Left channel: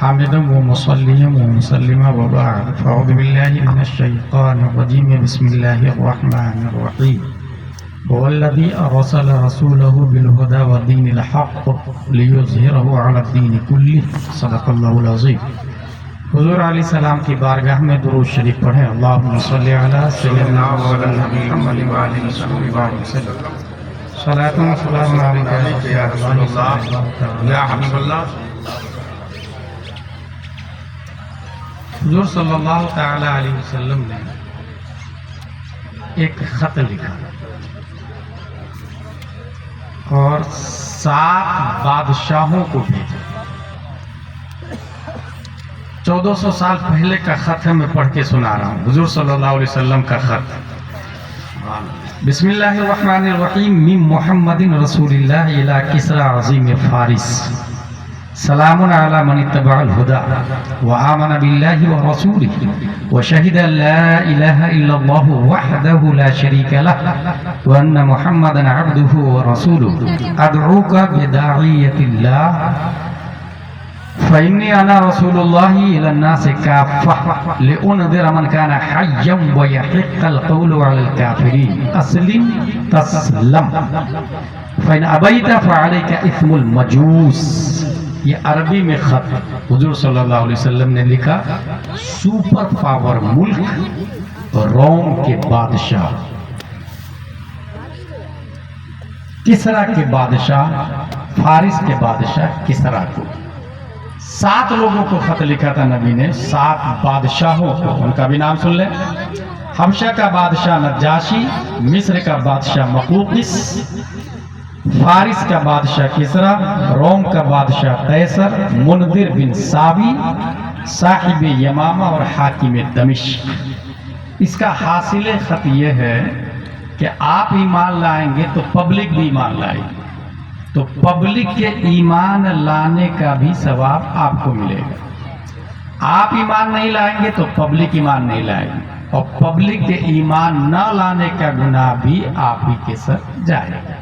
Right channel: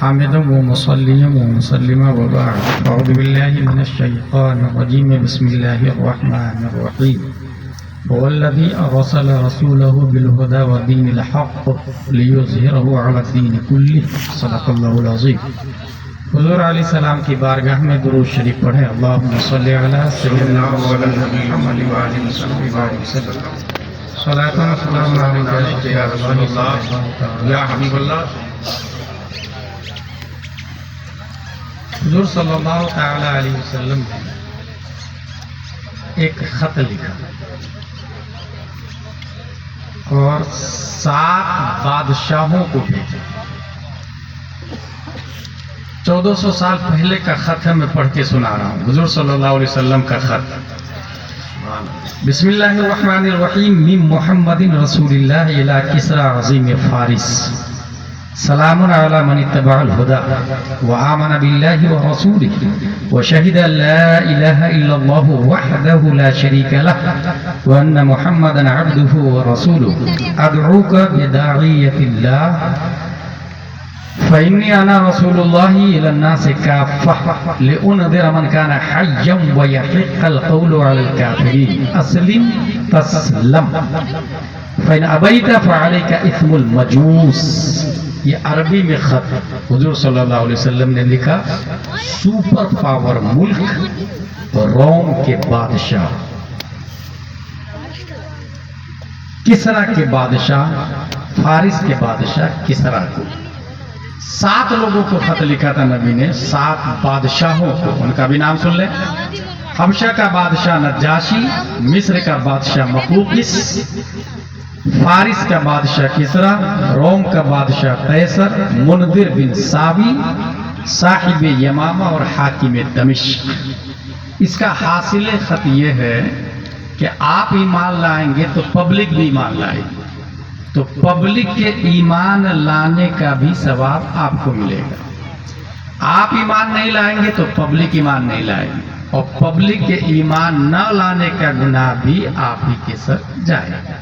حامدا ومصليا ومسلما وبعد أعوذ بالله من الشيطان الرجيم بسم الله الرحمن الرحيم هو الذي أرسل رسوله بالهدى ودين الحق ليظهره على الدين كله صدق الله العظيم. حضور علیہ السلام کی بارگاہ میں درود شریف پڑھیں. اللہم صلی علی سیدنا محمد وعلی وسلم. صلاۃ و سلام علیک یا رسول اللہ یا حبیب اللہ. حضور صلی اللہ تعالی علیہ وسلم نے ایک خط لکھا اور 7 بادشاہوں کو بھیجا. 1400 سال پہلے کا خط ہے, میں پڑھ کے سنا رہا ہوں. حضور صلی اللہ علیہ وسلم کا خط. بسم اللہ الرحمن الرحیم. من محمد رسول اللہ الی کسری عظیم فارس. سلام علی من اتبع الهدى وآمن بالله ورسوله وشهد أن لا إله إلا الله وحده لا شريك له وأن محمدا عبده ورسوله أدعوك بداعية الله فإني أنا رسول الله إلى الناس كافة لأنذر من كان حيا ويحق القول على الكافرين أسلم تسلم فإن أبيت فعليك إثم المجوس. یہ عربی میں خط حضور صلی اللہ علیہ وسلم نے لکھا. سپر پاور ملک روم کے بادشاہ کسرا کے بادشاہ فارس کے بادشاہ کسرا کو 7 لوگوں کو خط لکھا تھا نبی نے. 7 بادشاہوں کو, ان کا بھی نام سن لیں. حبشہ کا بادشاہ نجاشی, مصر کا بادشاہ مقوقس, فارس کا بادشاہ کسرا, روم کا بادشاہ قیصر, منذر بن ساوی, صاحب یمامہ اور حاکم دمشق. اس کا حاصل خط یہ ہے کہ آپ ایمان لائیں گے تو پبلک بھی ایمان لائے گی, تو پبلک کے ایمان لانے کا بھی ثواب آپ کو ملے گا. آپ ایمان نہیں لائیں گے تو پبلک ایمان نہیں لائے گی, اور پبلک کے ایمان نہ لانے کا گناہ بھی آپ ہی کے سر جائے گا.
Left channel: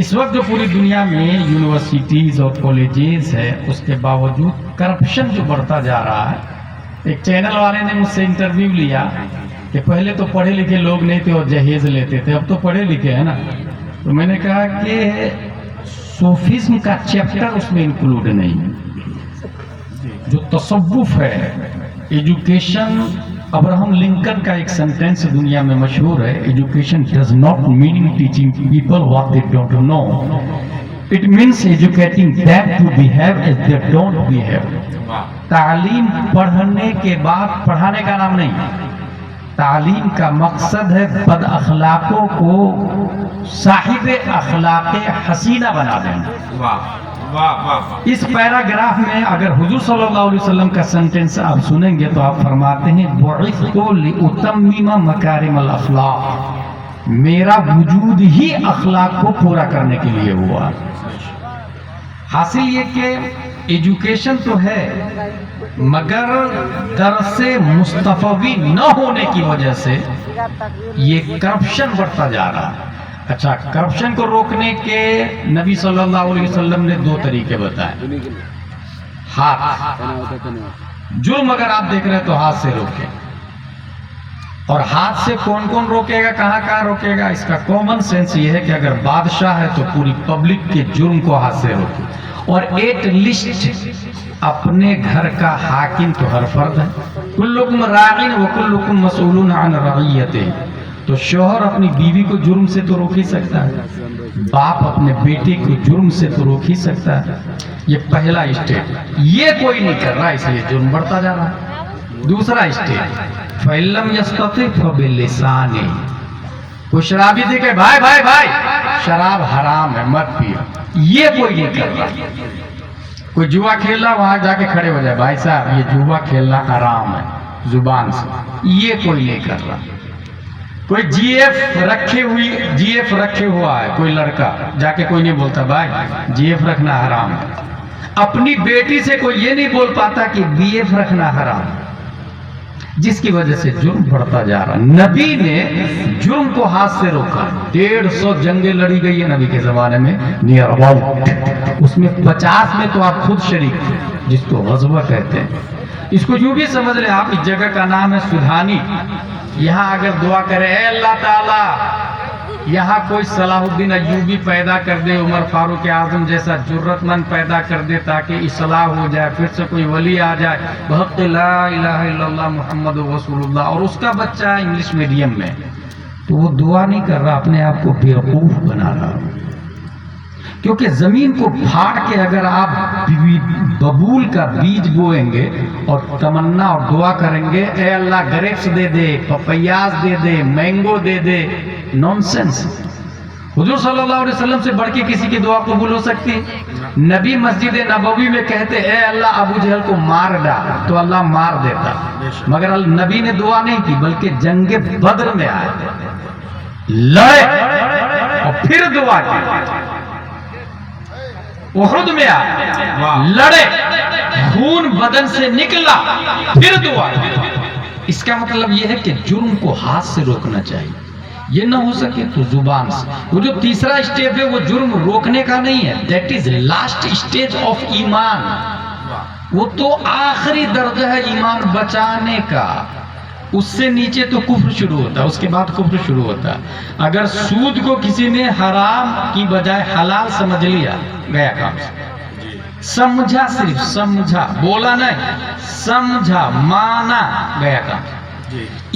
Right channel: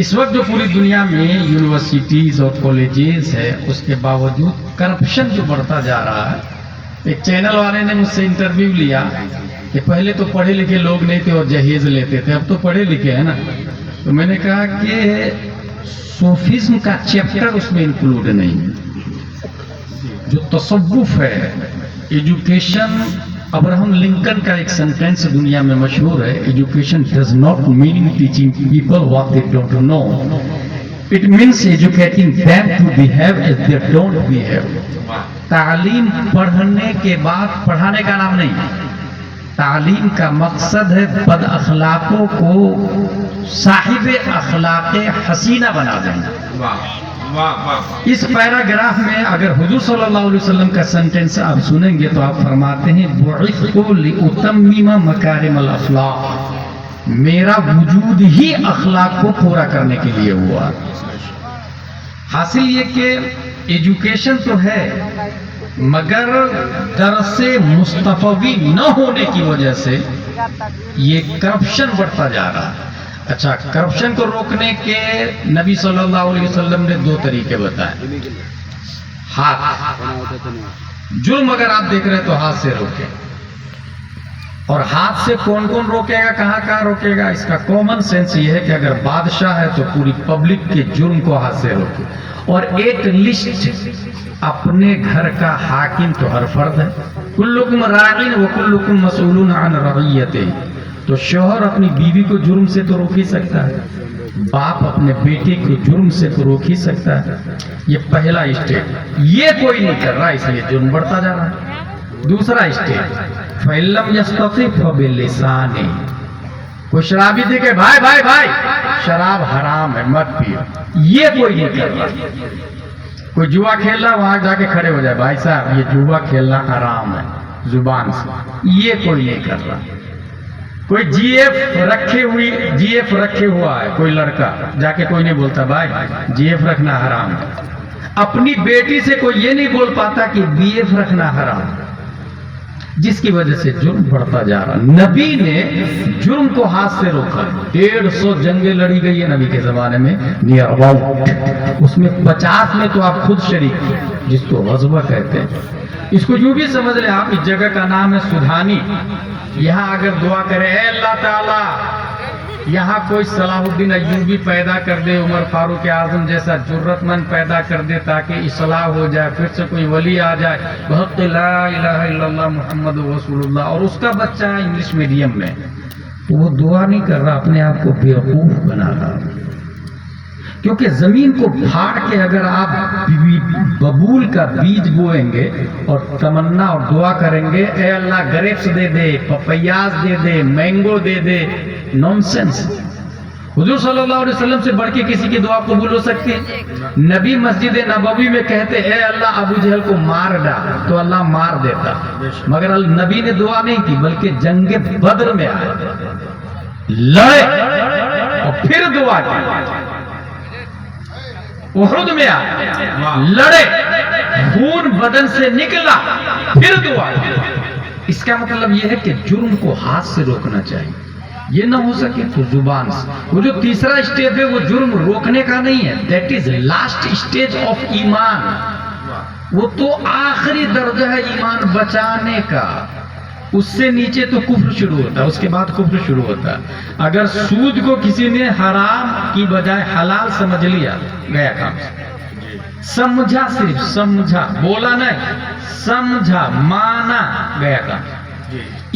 اس وقت جو پوری دنیا میں یونیورسٹیز اور کالجز ہے, اس کے باوجود کرپشن جو بڑھتا جا رہا ہے. ایک چینل والے نے مجھ سے انٹرویو لیا کہ پہلے تو پڑھے لکھے لوگ نہیں تھے اور جہیز لیتے تھے, اب تو پڑھے لکھے ہیں نا. تو میں نے کہا کہ صوفیزم کا چیپٹر اس میں انکلوڈ نہیں ہے. جو تصوف ہے, ایجوکیشن, ابراہم لنکن کا ایک سینٹینس دنیا میں مشہور ہے, education does not mean teaching people what they don't know, it means educating them to behave as they don't behave. تعلیم پڑھنے کے بعد پڑھانے کا نام نہیں. تعلیم کا مقصد ہے بد اخلاقوں کو صاحب اخلاق حسینہ بنا دینا. اس پیراگراف میں اگر حضور صلی اللہ علیہ وسلم کا سینٹینس آپ سنیں گے تو آپ فرماتے ہیں بعثت لأتمم مکارم الاخلاق, میرا وجود ہی اخلاق کو پورا کرنے کے لیے ہوا. حاصل یہ کہ ایجوکیشن تو ہے, مگر درس مصطفوی نہ ہونے کی وجہ سے یہ کرپشن بڑھتا جا رہا ہے. اچھا, کرپشن کو روکنے کے نبی صلی اللہ علیہ وسلم نے 2 طریقے بتائے. ہاتھ, جرم اگر آپ دیکھ رہے ہیں تو ہاتھ سے روکے. اور ہاتھ سے کون کون روکے گا, کہاں کہاں روکے گا؟ اس کا کامن سینس یہ ہے کہ اگر بادشاہ ہے تو پوری پبلک کے جرم کو ہاتھ سے روکے. اور ایٹ لیسٹ اپنے گھر کا حاکم تو ہر فرد ہے. کلکم راعٍ وکلکم مسئول عن رعیتہ. تو شوہر اپنی بیوی کو جرم سے تو روک ہی سکتا ہے, باپ اپنے بیٹے کو جرم سے تو روک ہی سکتا ہے. یہ پہلا اسٹیپ, یہ کوئی نہیں کر رہا, اس لیے جرم بڑھتا جا رہا ہے. دوسرا اسٹیپ, فَإِلَّمْ يَسْتَطِعْ فَبِلِسَانِهِ. کوئی شرابی دے کہ بھائی بھائی بھائی شراب حرام ہے مت پیو, یہ کوئی نہیں کر رہا. کوئی جوا کھیل رہا, وہاں جا کے کھڑے ہو جائے, بھائی صاحب یہ جوا کھیلنا حرام ہے زبان سے, یہ کوئی نہیں کر رہا. کوئی جی ایف رکھے ہوا ہے کوئی لڑکا, جا کے کوئی نہیں بولتا بھائی جی ایف رکھنا حرام ہے. اپنی بیٹی سے کوئی یہ نہیں بول پاتا کہ بی ایف رکھنا حرام ہے, جس کی وجہ سے جرم بڑھتا جا رہا. نبی نے جرم کو ہاتھ سے روکا. 150 جنگیں لڑی گئی ہے نبی کے زمانے میں, نیئر اباؤٹ. اس میں 50 میں تو آپ خود شریک تھے. جس کو غزوہ کہتے ہیں. اس کو یوں بھی سمجھ لیں آپ, اس جگہ کا نام ہے سدھانی. یہاں اگر دعا کرے اے اللہ تعالی یہاں کوئی صلاح الدین ایوبی پیدا کر دے, عمر فاروق اعظم جیسا جرت مند پیدا کر دے تاکہ اصلاح ہو جائے, پھر سے کوئی ولی آ جائے بحق لا الہ الا اللہ محمد رسول اللہ, اور اس کا بچہ ہے انگلش میڈیم میں, تو وہ دعا نہیں کر رہا, اپنے آپ کو بیوقوف بنا رہا. کیونکہ زمین کو پھاڑ کے اگر آپ ببول کا بیج بوئیں گے اور تمنا اور دعا کریں گے اے اللہ گریپس دے دے, پپیاز دے دے, مینگو دے دے, نونسنس. حضور صلی اللہ علیہ وسلم سے بڑھ کے کسی کی دعا قبول ہو سکتی ہے؟ نبی مسجد نبوی میں کہتے اے اللہ ابو جہل کو مار ڈال, تو اللہ مار دیتا, مگر نبی نے دعا نہیں کی بلکہ جنگ بدر میں آئے, لڑے اور پھر دعا کی. احد میں آئے, لڑے, خون بدن سے نکلا, پھر دعا کی. اس کا مطلب یہ ہے کہ جرم کو ہاتھ سے روکنا چاہیے, یہ نہ ہو سکے تو زبان سے. وہ جو تیسرا اسٹیپ ہے وہ جرم روکنے کا نہیں ہے, that is last stage of ایمان. وہ تو آخری درجہ ہے ایمان بچانے کا. اس سے نیچے تو کفر شروع ہوتا ہے, اس کے بعد کفر شروع ہوتا ہے. اگر سود کو کسی نے حرام کی بجائے حلال سمجھ لیا گیا کام, سمجھا, صرف سمجھا, بولا نہیں, سمجھا, مانا گیا کام.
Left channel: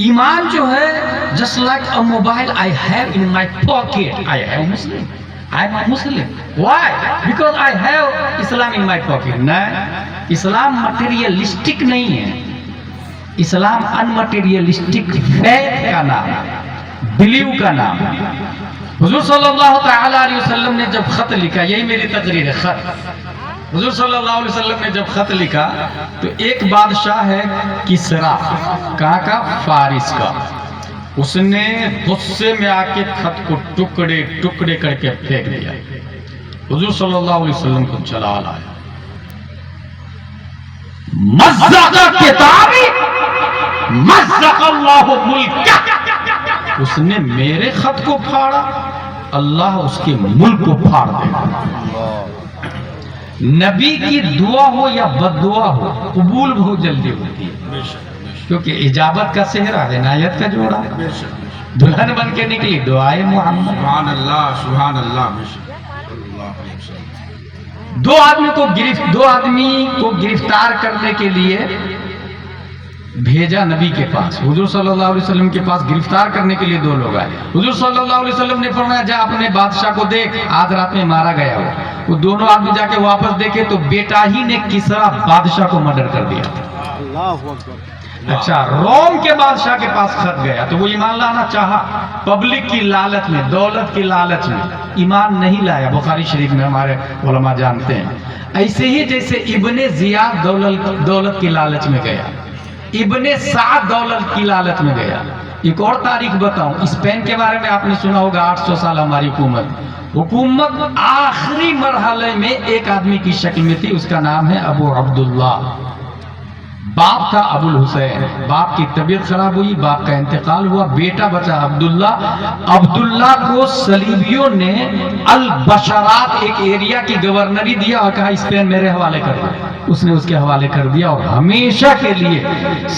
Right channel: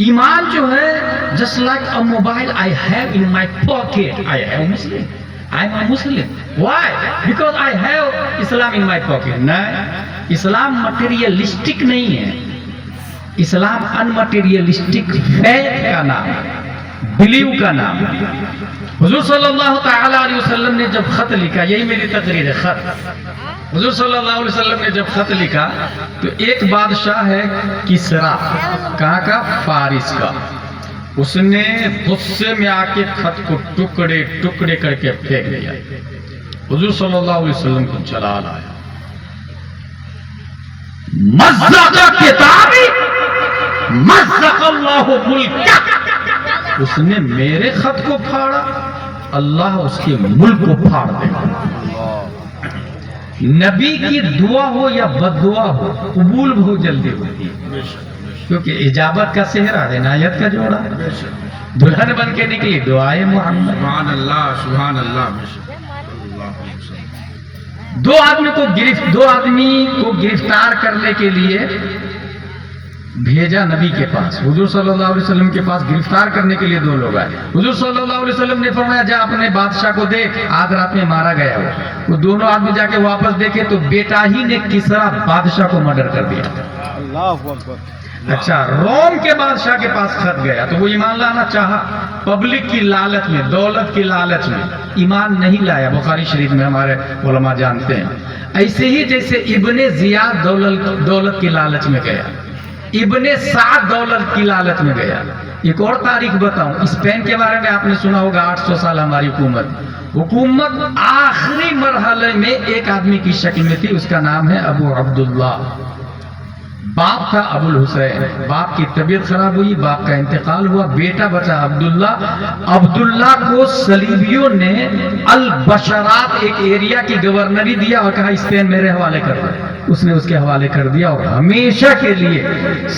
ایمان جو ہے just like a mobile I have in my pocket. I am Muslim. I am a Muslim. Why? Because I have Islam in my pocket. نہیں, اسلام مٹیریلسٹک نہیں ہے, اسلام انمٹیریلسٹک فیتھ کا نام ہے, بلیو کا نام ہے. حضور صلی اللہ تعالی علیہ وسلم نے جب خط لکھا, یہی میری تقریر ہے, خط. حضور صلی اللہ علیہ وسلم نے جب خط لکھا تو ایک بادشاہ ہے کسرا, کہاں کا؟ فارس کا. اس نے غصے میں آ کے خط کو ٹکڑے ٹکڑے کر کے پھینک دیا. حضور صلی اللہ علیہ وسلم کو جلال آیا, مزق کتابی مزق اللہ ملکہ. اس نے میرے خط کو پھاڑا, اللہ اس کے ملک کو پھاڑ دے گا. نبی کی دعا ہو یا بد دعا ہو قبول بہت جلدی ہوتی ہے, کیونکہ اجابت کا صحرا عنایت کا جوڑا. دلہن بن کے نکلی دعائے محمد. سبحان اللہ, سبحان اللہ. دو آدمی کو گرفتار کرنے کے لیے بھیجا نبی کے پاس. حضور صلی اللہ علیہ وسلم کے پاس گرفتار کرنے کے لیے دو لوگ آئے. حضور صلی اللہ علیہ وسلم نے فرمایا جا اپنے بادشاہ کو دیکھ, آج رات میں مارا گیا ہو. وہ دونوں آدمی جا کے واپس دیکھے تو بیٹا ہی نے کسرا بادشاہ کو مرڈر کر دیا. اچھا, روم کے بادشاہ کے پاس خط گیا تو وہ ایمان لانا چاہا, پبلک کی لالچ میں, دولت کی لالچ میں ایمان نہیں لایا. بخاری شریف میں ہمارے علماء جانتے ہیں. ایسے ہی جیسے ابن زیاد دولت کی لالچ میں گیا, ابن سعد دولت کی لالچ میں گیا. ایک اور تاریخ بتاؤں, اسپین کے بارے میں آپ نے سنا ہوگا, 800 سال ہماری حکومت آخری مرحلے میں ایک آدمی کی شکل میں تھی, اس کا نام ہے ابو عبداللہ. باپ تھا ابو الحسین, باپ کی طبیعت خراب ہوئی, باپ کا انتقال ہوا, بیٹا بچا عبداللہ. عبداللہ کو صلیبیوں نے البشرات ایک ایریا کی گورنری دیا اور کہا اسپین میرے حوالے کر دیا. اس نے اس کے حوالے کر دیا اور ہمیشہ کے لیے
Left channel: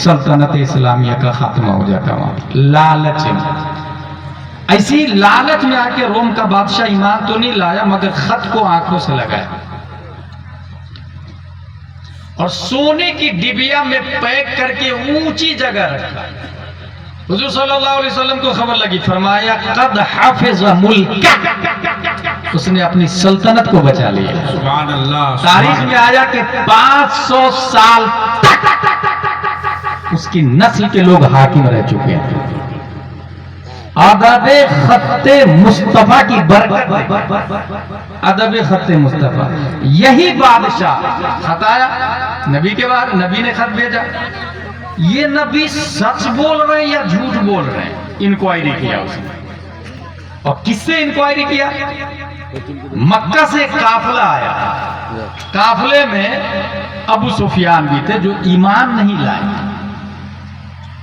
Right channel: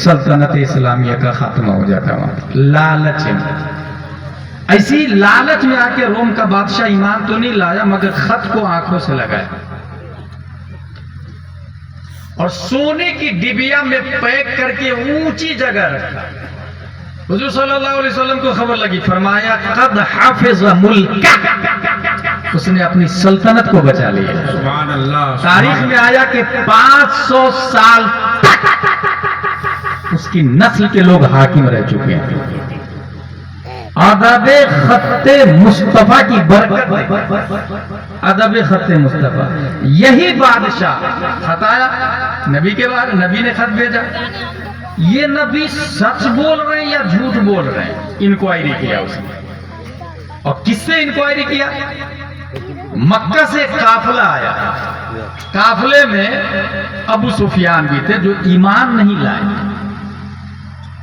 سلطنت اسلامیہ کا خاتمہ ہو جاتا وہاں. لالچ, ایسی لالچ میں آ کے روم کا بادشاہ ایمان تو نہیں لایا مگر خط کو آنکھوں سے لگایا اور سونے کی ڈبیا میں پیک کر کے اونچی جگہ رکھا. حضور صلی اللہ علیہ وسلم کو خبر لگی, فرمایا قد حافظ ملک, اس نے اپنی سلطنت کو بچا لیا. سبحان اللہ. تاریخ میں آیا کہ 500 سال تک اس کی نسل کے لوگ حاکم رہ چکے ہیں. ادب خط مصطفیٰ کی برکت, ادب خط مصطفیٰ. یہی بادشاہ خط آیا نبی کے بعد, نبی نے خط بھیجا. یہ نبی سچ بول رہے ہیں یا جھوٹ بول رہے ہیں, انکوائری کیا اس نے. اور کس سے انکوائری کیا؟ مکہ سے قافلہ آیا, قافلے میں ابو سفیان بھی تھے جو ایمان نہیں لائے.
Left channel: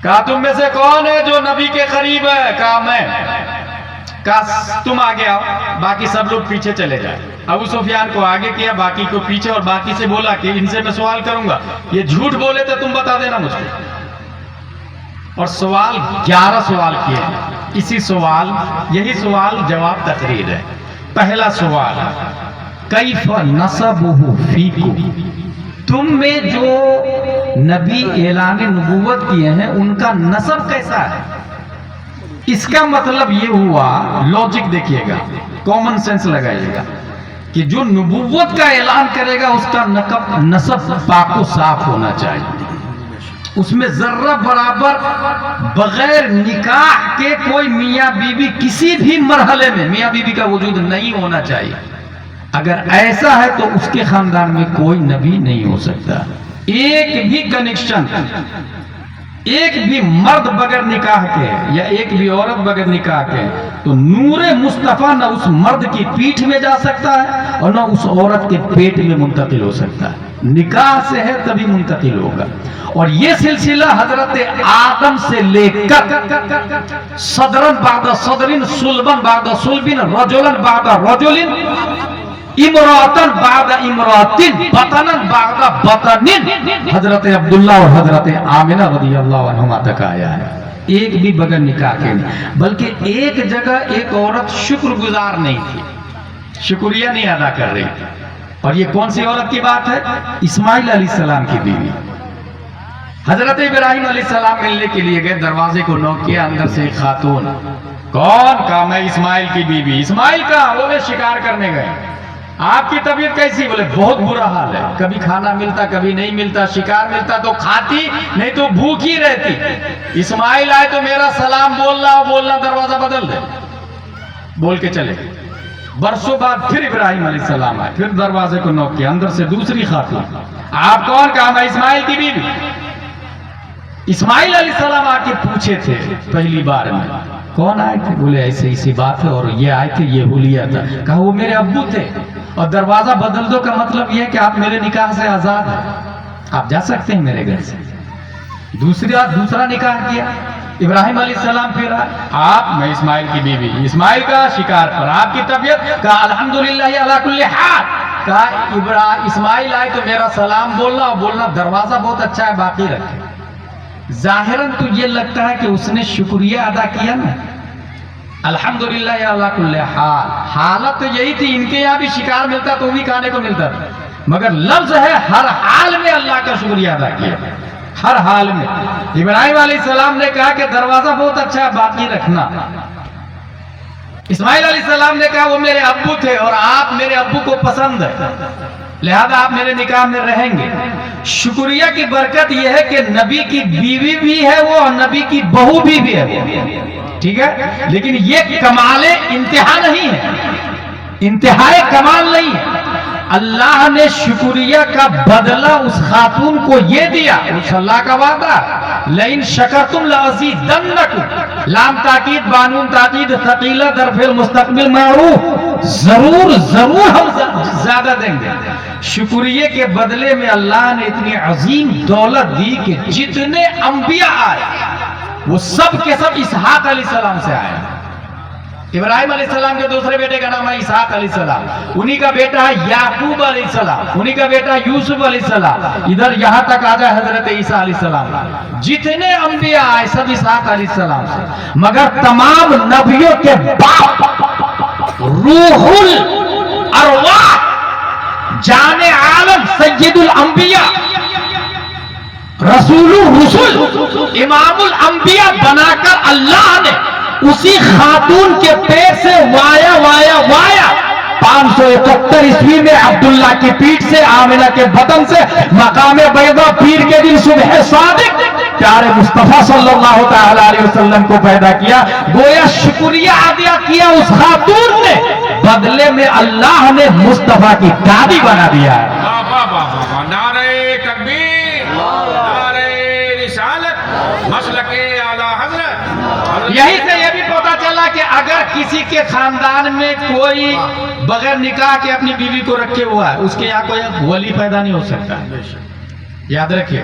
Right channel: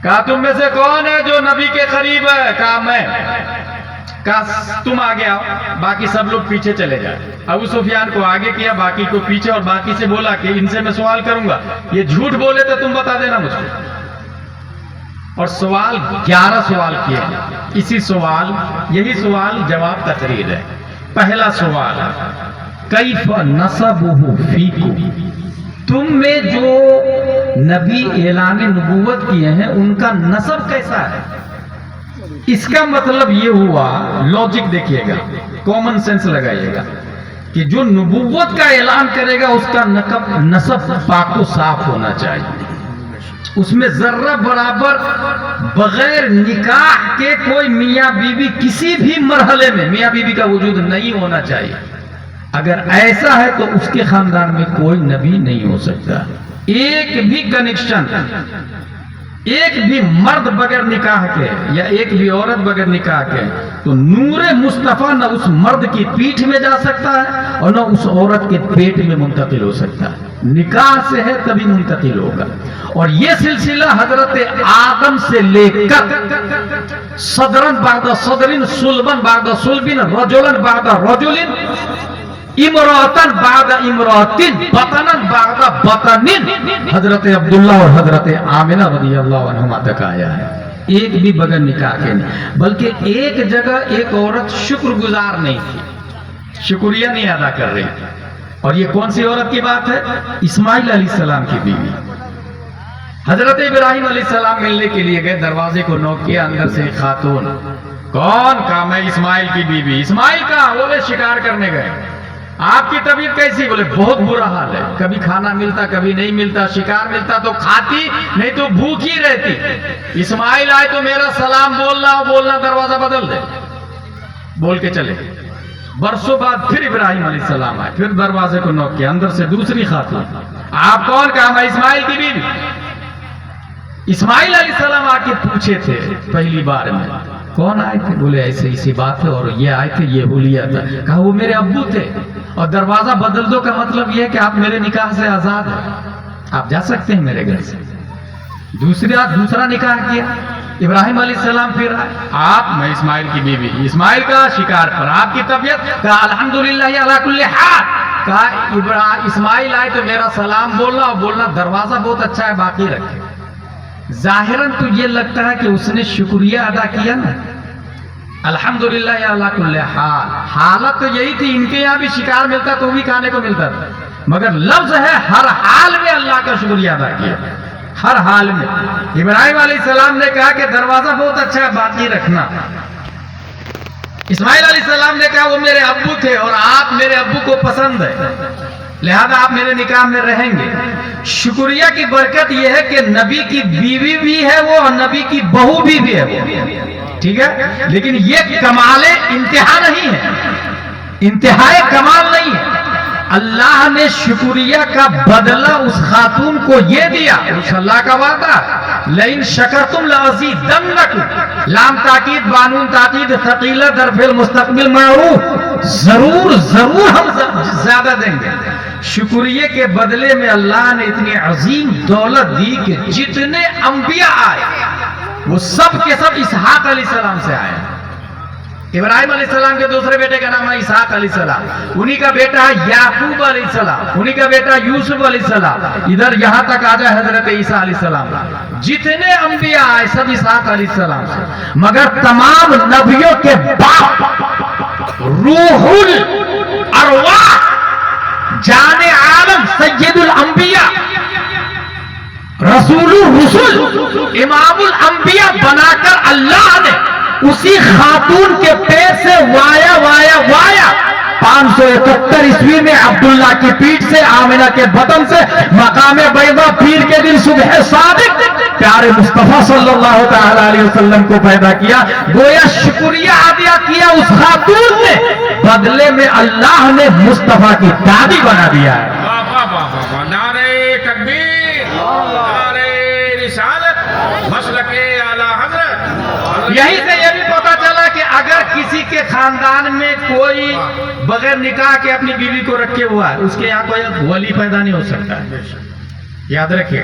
کہا تم میں سے کون ہے جو نبی کے قریب ہے؟ کہا میں. کہا تم آگے آؤ، باقی سب لوگ پیچھے چلے جائیں۔ ابو سفیان کو آگے کیا، باقی کو پیچھے، اور باقی سے بولا کہ ان سے میں سوال کروں گا، یہ جھوٹ بولے تو تم بتا دینا مجھ کو۔ اور سوال 11 سوال کیے، یہی سوال جواب تقریر ہے۔ پہلا سوال، کیف نسبہ فیکم، تم میں جو نبی اعلان نبوت کیے ہیں ان کا نسب کیسا ہے؟ اس کا مطلب یہ ہوا، لوجک دیکھیے گا، کامن سینس لگائیے گا، کہ جو نبوت کا اعلان کرے گا اس کا نسب پاک و صاف ہونا چاہیے، اس میں ذرہ برابر بغیر نکاح کے کوئی میاں بیوی کسی بھی مرحلے میں میاں بیوی کا وجود نہیں ہونا چاہیے۔ اگر ایسا ہے تو اس کے خاندان میں کوئی نبی نہیں ہو سکتا۔ ایک بھی کنیکشن، ایک بھی مرد بغیر نکاح کے یا ایک بھی عورت بغیر نکاح کے، تو نور مصطفیٰ نہ اس مرد کی پیٹھ میں جا سکتا ہے اور نہ اس عورت کے پیٹ میں منتقل ہو سکتا ہے۔ نکاح سے ہے تبھی منتقل ہوگا۔ اور یہ سلسلہ حضرت آدم سے لے کر صدرن بعد صدرن، صلبن بعد صلبن، رجلن بعد رجلن، امراتن بعد امراتن، بطنن بعد بطنن، حضرت عبداللہ اور حضرت آمنہ رضی اللہ عنہما تک آیا ہے۔ ایک بھی بغیر نکاح کے نہیں، بلکہ ایک جگہ ایک عورت شکر گزار نہیں تھی، شکریہ نہیں ادا کر رہی تھی۔ اور یہ کون سی عورت کی بات ہے؟ اسماعیل علیہ السلام کی بیوی۔ حضرت ابراہیم علیہ السلام ملنے کے لیے گئے، دروازے کو نوک کیا، اندر سے ایک خاتون، کون؟ کہا میں اسماعیل کی بیوی۔ اسماعیل کا بولے شکار کرنے گئے۔ آپ کی طبیعت کیسی؟ بولے بہت برا حال ہے، کبھی کھانا ملتا کبھی نہیں ملتا، شکار ملتا تو کھاتی نہیں تو بھوکی رہتی۔ اسماعیل آئے تو میرا سلام بولنا دروازہ بدل دے، بول کے چلے۔ برسوں بعد پھر ابراہیم علیہ السلام آئے، پھر دروازے کو نوک کیا، اندر سے دوسری خاتون، آپ کون؟ کہا میں اسماعیل کی بیوی۔ اسماعیل علیہ السلام آ کے پوچھے تھے پہلی بار میں، کون آئے تھے؟ بولے ایسے اسی بات ہے، اور یہ آئے تھے، یہ حلیہ تھا۔ کہا وہ میرے ابو تھے، اور دروازہ بدل دو کا مطلب یہ ہے کہ آپ میرے نکاح سے آزاد ہیں، آپ جا سکتے ہیں میرے گھر سے۔ دوسرا نکاح کیا، ابراہیم علیہ السلام پھر آئے، آپ؟ میں اسماعیل کی بیوی۔ اسماعیل کا شکار پر، آپ کی طبیعت؟ کہا الحمدللہ علی کل حال۔ کہا اسماعیل آئے تو میرا سلام بولنا دروازہ بہت اچھا ہے، باقی رکھے۔ ظاہراً تو یہ لگتا ہے کہ اس نے شکریہ ادا کیا نا، الحمدللہ علی کل حال۔ حالت تو یہی تھی، ان کے یہاں بھی شکار ملتا تو بھی کھانے کو ملتا تھا، مگر لفظ ہے ہر حال میں اللہ کا شکریہ ادا کیا، ہر حال میں۔ ابراہیم علیہ السلام نے کہا کہ دروازہ بہت اچھا ہے، باقی رکھنا۔ اسماعیل علیہ السلام نے کہا وہ میرے ابو تھے اور آپ میرے ابو کو پسند ہے، لہذا آپ میرے نکاح میں رہیں گے۔ شکریہ کی برکت یہ ہے کہ نبی کی بیوی بھی ہے وہ اور نبی کی بہو بھی ہے وہ، ٹھیک ہے، لیکن یہ کمال انتہا نہیں ہے، انتہائی کمال نہیں ہے۔ اللہ نے شکریہ کا بدلہ اس خاتون کو یہ دیا، اس اللہ کا وعدہ، لئن شکرتم لازیدنکم، لام تاکید بانون تاکید ثقیلہ در فعل مستقبل معروف، ضرور ہم زیادہ دیں گے۔ شکریہ کے بدلے میں اللہ نے اتنی عظیم دولت دی کہ جتنے انبیاء آئے وہ سب کے سب اسحاق علیہ السلام سے آئے۔ ابراہیم علیہ السلام کے دوسرے بیٹے کا نام ہے اسحاق علیہ السلام، انہی کا بیٹا ہے یعقوب علیہ السلام، انہی کا بیٹا یوسف علیہ السلام، ادھر یہاں تک آ جائے حضرت عیسیٰ علیہ السلام۔ جتنے انبیاء آئے سب اسحاق علیہ السلام سے، مگر تمام نبیوں کے باپ روح الارواح جان عالم سید الانبیاء رسول الرسل امام الانبیاء بنا کر اللہ نے اسی خاتون کے پیر سے وایا 571 عیسوی میں عبداللہ کی پیٹھ سے آمنہ کے بطن سے مقام بیضا پیر کے دن صبح صادق پیارے مصطفیٰ صلی اللہ تعالی علیہ وسلم کو پیدا کیا۔ گویا شکریہ ادا کیا اس خاتون نے، بدلے میں اللہ نے مصطفیٰ کی دادی بنا دیا ہے۔ نعرہ تکبیر، نعرہ رسالت، مسلک اعلی حضرت۔ یہی سے یہ بھی پتہ چلا کہ اگر کسی کے خاندان میں کوئی بغیر نکاح کے اپنی بیوی کو رکھے ہوا ہے، اس کے یہاں کوئی ولی پیدا نہیں ہو سکتا ہے، یاد رکھیے۔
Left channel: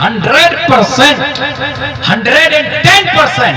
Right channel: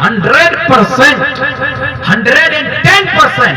100%, 110%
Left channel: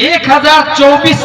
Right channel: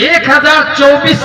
1024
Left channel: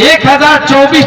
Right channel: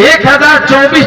1024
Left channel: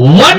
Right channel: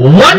1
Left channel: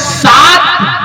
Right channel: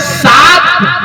7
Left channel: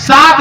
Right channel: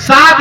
7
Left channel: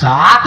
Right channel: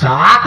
7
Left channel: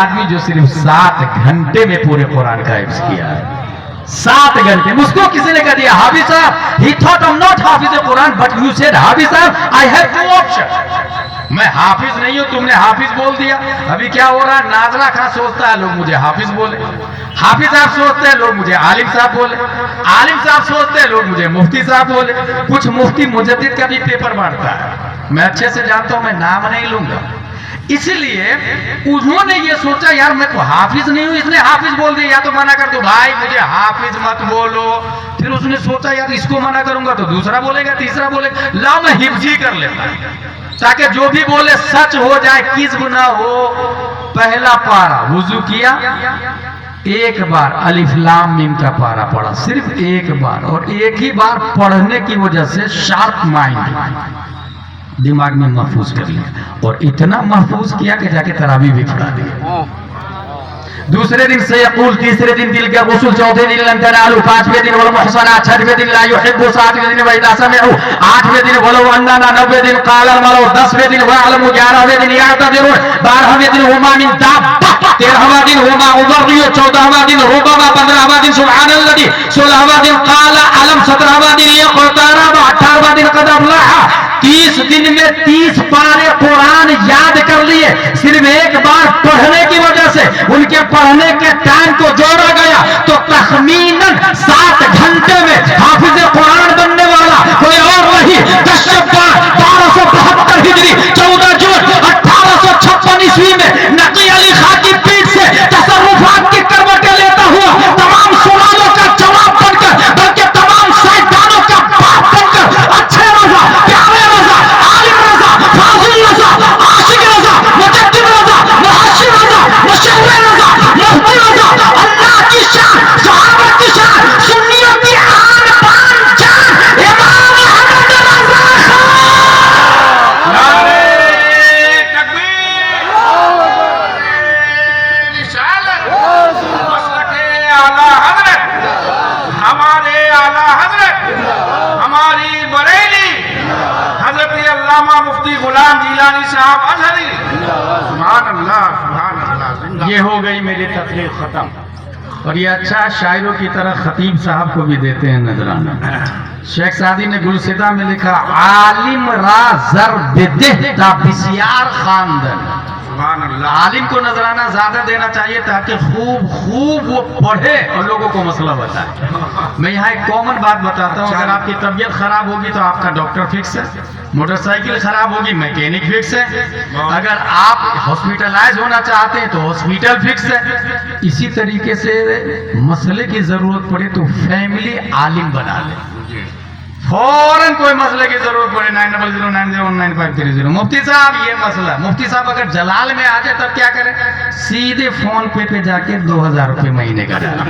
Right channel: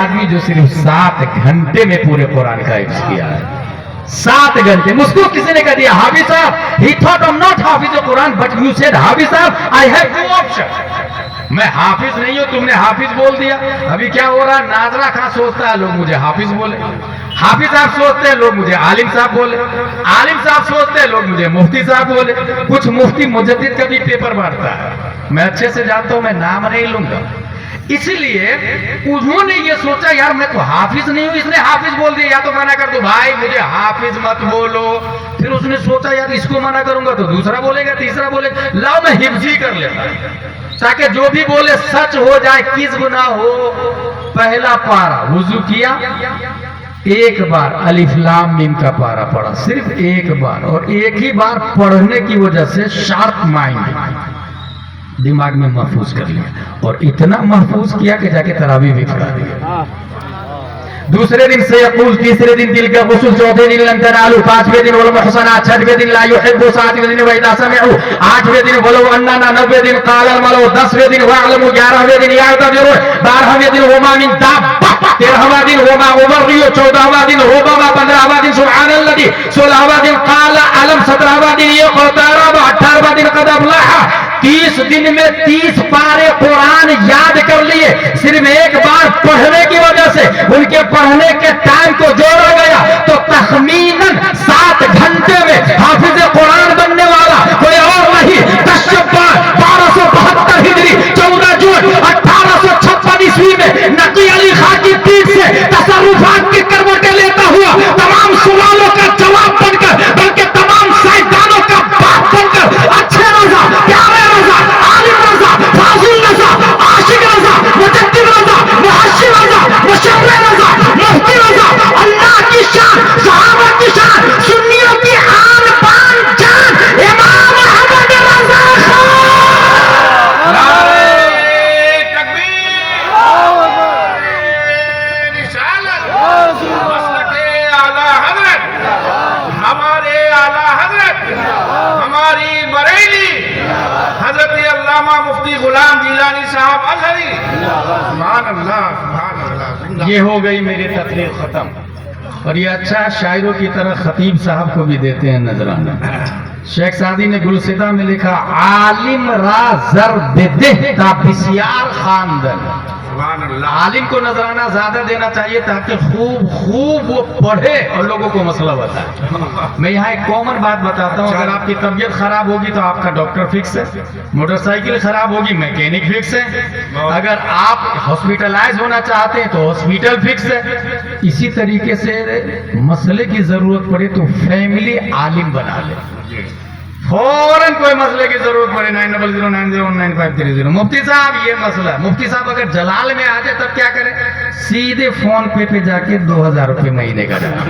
آدمی جو صرف 7 گھنٹے میں پورے قرآن کا حفظ کیا ہے. 7 گھنٹے. مجھ کو کسی نے کہا دیا حافظ صاحب he thought I'm not حافظ قرآن but you said حافظ صاحب I have 2 options. میں حافظ نہیں ہوں, تم نے حافظ بول دیا. ابھی کیا ہو رہا ہے, ناظرہ خان سوچتا ہے لوگ مجھے حافظ بولے, حافظ صاحب سوچتے ہیں لوگ مجھے عالم صاحب بولے, عالم صاحب سوچتے ہیں لوگ مجھے مفتی صاحب بولے. کچھ مفتی مجدد کا بھی پیپر بانٹتا ہے, میں اچھے سے جانتا ہوں, میں نام نہیں لوں گا. اس لیے انہوں نے یہ سوچا یار میں تو حافظ نہیں ہوں, اس نے حافظ بول دیا, یا تو منع کر دو بھائی مجھے حافظ مت بولو. پھر اس نے سوچا یار اس کو منع کروں گا تو دوسرا بولے گا, تیسرا بولے گا, لاؤ میں حفظ ہی کر لیتا تاکہ جو بھی بولے سچ ہو جائے, کذب نہ ہو. پہلا پارا وضو کیا, ایک بار الف لام میم کا پارا پڑھا, صرف ایک بار, اور ایک ہی بار پڑھنے کی وجہ سے شارپ مائنڈ دماغ میں محفوظ کر لیا, اور اتنا محفوظ کیا کہ جا کے تراویح بھی پڑھا دیا. دوسرے دن سے یقول, تیسرے دن دل کا غسل, چوتھے دن لن تنالوا, 5ویں دن والمحصنات, 6ویں دن لا يحب, 7ویں دن واذا سمعوا, 8ویں دن ولو اننا, 9ویں دن قال الملأ, 10ویں دن واعلموا, 11ویں دن يعتذرون, 12ویں دن وما من دابة, 13واں دن وما ابرئ, 14واں دن ربما, 15واں دن سبحان الذي, 16واں دن قال علم, 17واں دن اقترب, 18واں دن قد افلح. 30 دن میں 30 پارے قرآن یاد کر لیے, صرف ایک بار پڑھنے کی وجہ سے. ان کے پڑھنے کے ٹائم کو جوڑا گیا تو تخمیناً 7 گھنٹے میں حافظ قرآن بننے والا کوئی اور نہیں. 10 شعبان 1272 ہجری, 14 جون 1856 عیسوی میں نقی علی خان کی پیٹھ سے تصرفات کی کروٹیں لیتا ہوا تمام سوالوں کا جواب بن کر, بلکہ تمام سائنسدانوں کا باپ بن کر, اچھے رضا, پیارے رضا, عالم رضا, فاضل رضا, عاشق رضا, مجدد رضا, محشر رضا, مشرع رضا, مفتی رضا, اللہ کی شان, صحابہ کی شان, سنیوں کی آن بان جان, امام احمد رضا خان. نعرہ تکبیر, رسالت, مسلک اعلی حضرت, ہمارے اعلی حضرت, ہماری بریلی حضرت علامہ مفتی غلام جیلانی صاحب ازہری. سبحان اللہ, سبحان اللہ. یہ ہو گئی میری تقریر ختم. اور یہ اچھا شاعروں کی طرح خطیب صاحب کو بھی دیتے ہیں نذرانہ. شیخ سعدی نے گلصدہ میں لکھا, عالم را زر بدہ تا بسیار خواندن. سبحان اللہ. عالم کو نذرانہ زیادہ دینا چاہیے تاکہ خوب وہ پڑھے اور لوگوں کو مسئلہ بتائے. میں یہاں ایک کامن بات بتاتا ہوں, اگر آپ کی طبیعت خراب ہوگی تو آپ کا ڈاکٹر فکس ہے, موٹر سائیکل خراب ہوگی میکینک فکس ہے, اگر آپ ہاسپٹلائز ہونا چاہتے ہیں تو ہاسپٹل فکس ہے. اسی طریقے سے مسئلے کی ضرورت پڑے تو فیملی عالم بنا لے. فوراً کوئی مسئلے کی ضرورت پڑے 9009019530. مفتی صاحب یہ مسئلہ, مفتی صاحب اگر جلال میں آ جائے تب کیا کریں, سیدھے فون پہ جا کے 2000 روپے مہینے کا ڈالا.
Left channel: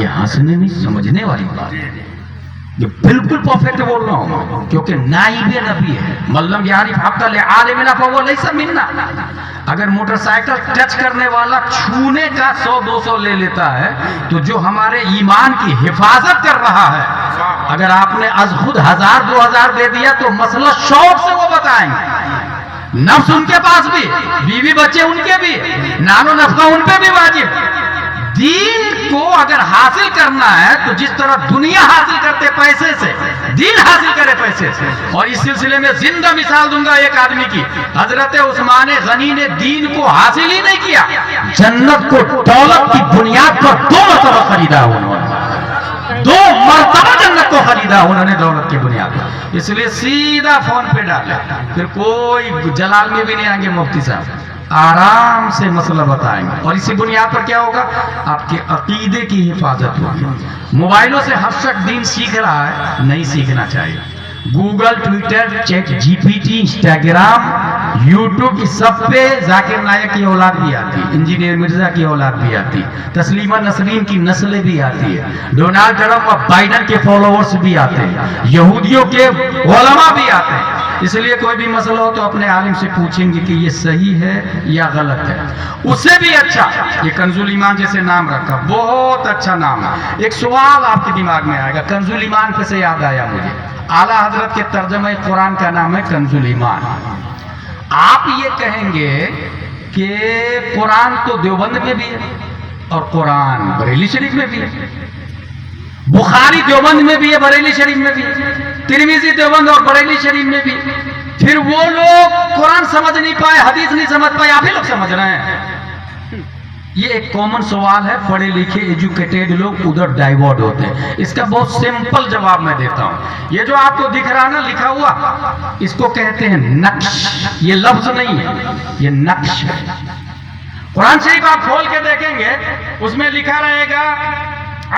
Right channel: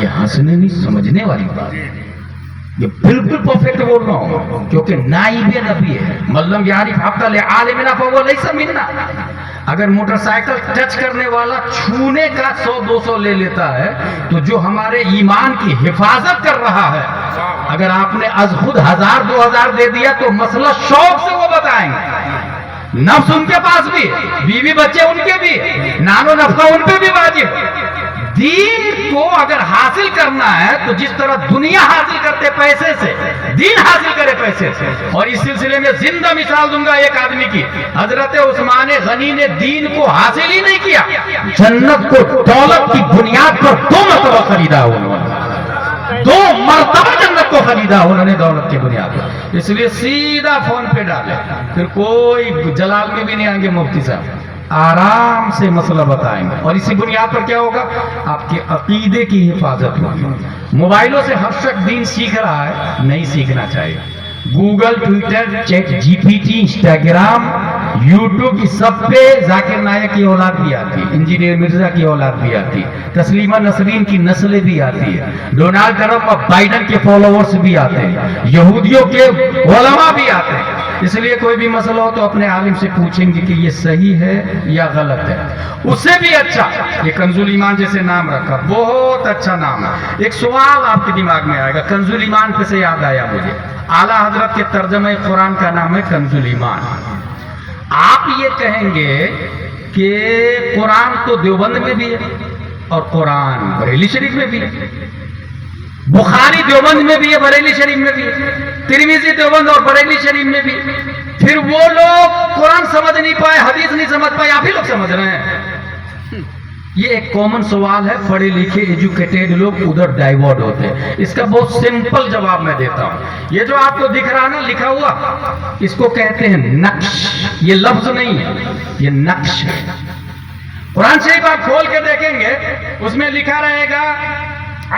یہ ہنسنے نہیں سمجھنے والی بات ہے, یہ بالکل پرفیکٹ بول رہا ہوں, کیونکہ نائب نبی ہے. ملم یعرف حق لعالمنا فهو ليس منا. اگر موٹر سائیکل ٹچ کرنے والا چھونے کا 100-200 لے لیتا ہے تو جو ہمارے ایمان کی حفاظت کر رہا ہے, اگر آپ نے از خود 1000-2000 دے دیا تو مسئلہ شوق سے وہ بتائیں گے. نفس ان کے پاس بھی, بیوی بچے ان کے بھی, نانو نفقہ ان پہ بھی واجب. دین کو اگر حاصل کرنا ہے تو جس طرح دنیا حاصل کرتے پیسے سے, دین حاصل کرے پیسے سے. اور اس سلسلے میں زندہ مثال دوں گا ایک آدمی کی. حضرت عثمان غنی نے دین کو حاصل ہی نہیں کیا, جنت کو دولت کی بنیاد پر 2 مرتبہ خریدا انہوں نے, 2 مرتبہ جنت کو خریدا انہوں نے دولت کی بنیاد پر. اس لیے سیدھا فون پہ ڈالے, پھر کوئی جلال میں بھی نہیں آئیں گے مفتی صاحب, آرام سے مسئلہ بتائیں گے. اور اسی بنیاد پر کیا ہوگا, آپ کے عقیدے کی حفاظت ہوگی. موبائلوں سے ہر شخص دین سیکھ رہا ہے, نہیں سیکھنا چاہیے. Google, Twitter, chat G P T, Instagram, YouTube, اس سب پہ ذاکر نائک کی اولاد بھی آتی, انجینئر مرزا کی اولاد بھی آتی, تسلیمہ نسرین کی نسلیں بھی آتی ہے, ڈونالڈ ٹرمپ اور بائیڈن کے فالوورز بھی آتے ہیں, یہودیوں کے علماء بھی آتے ہیں. اس لیے کوئی بھی مسئلہ ہو تو اپنے عالم سے پوچھیں گے کہ یہ صحیح ہے یا غلط ہے. اس سے بھی اچھا یہ کنز الایمان جیسے نام رکھا, بہت اچھا نام ہے. ایک سوال آپ کے دماغ میں آئے گا, کنز الایمان پہ سے یاد آیا مجھے, اعلیٰ حضرت کے ترجمہ قرآن کا نام ہے کنز الایمان. آپ یہ کہیں گے کہ قرآن تو دیوبند میں بھی ہے اور قرآن بریلی شریف میں بھی ہے، بخاری دیوبند میں بھی ہے، بریلی شریف میں بھی ہے، ترمذی دیوبند اور بریلی شریف میں بھی۔ پھر وہ لوگ قرآن سمجھ نہیں پائے، حدیث نہیں سمجھ پائے، آپ ہی لوگ سمجھ رہے ہیں۔ یہ ایک کامن سوال ہے، پڑھے لکھے ایجوکیٹڈ لوگ ادھر ڈائیورٹ ہوتے ہیں۔ اس کا بہت سمپل جواب میں دیتا ہوں۔ یہ جو آپ کو دکھ رہا نا لکھا ہوا، اس کو کہتے ہیں نقش۔ یہ لفظ نہیں ہے، یہ نقش ہے۔ قرآن شریف آپ کھول کے دیکھیں گے، اس میں لکھا رہے گا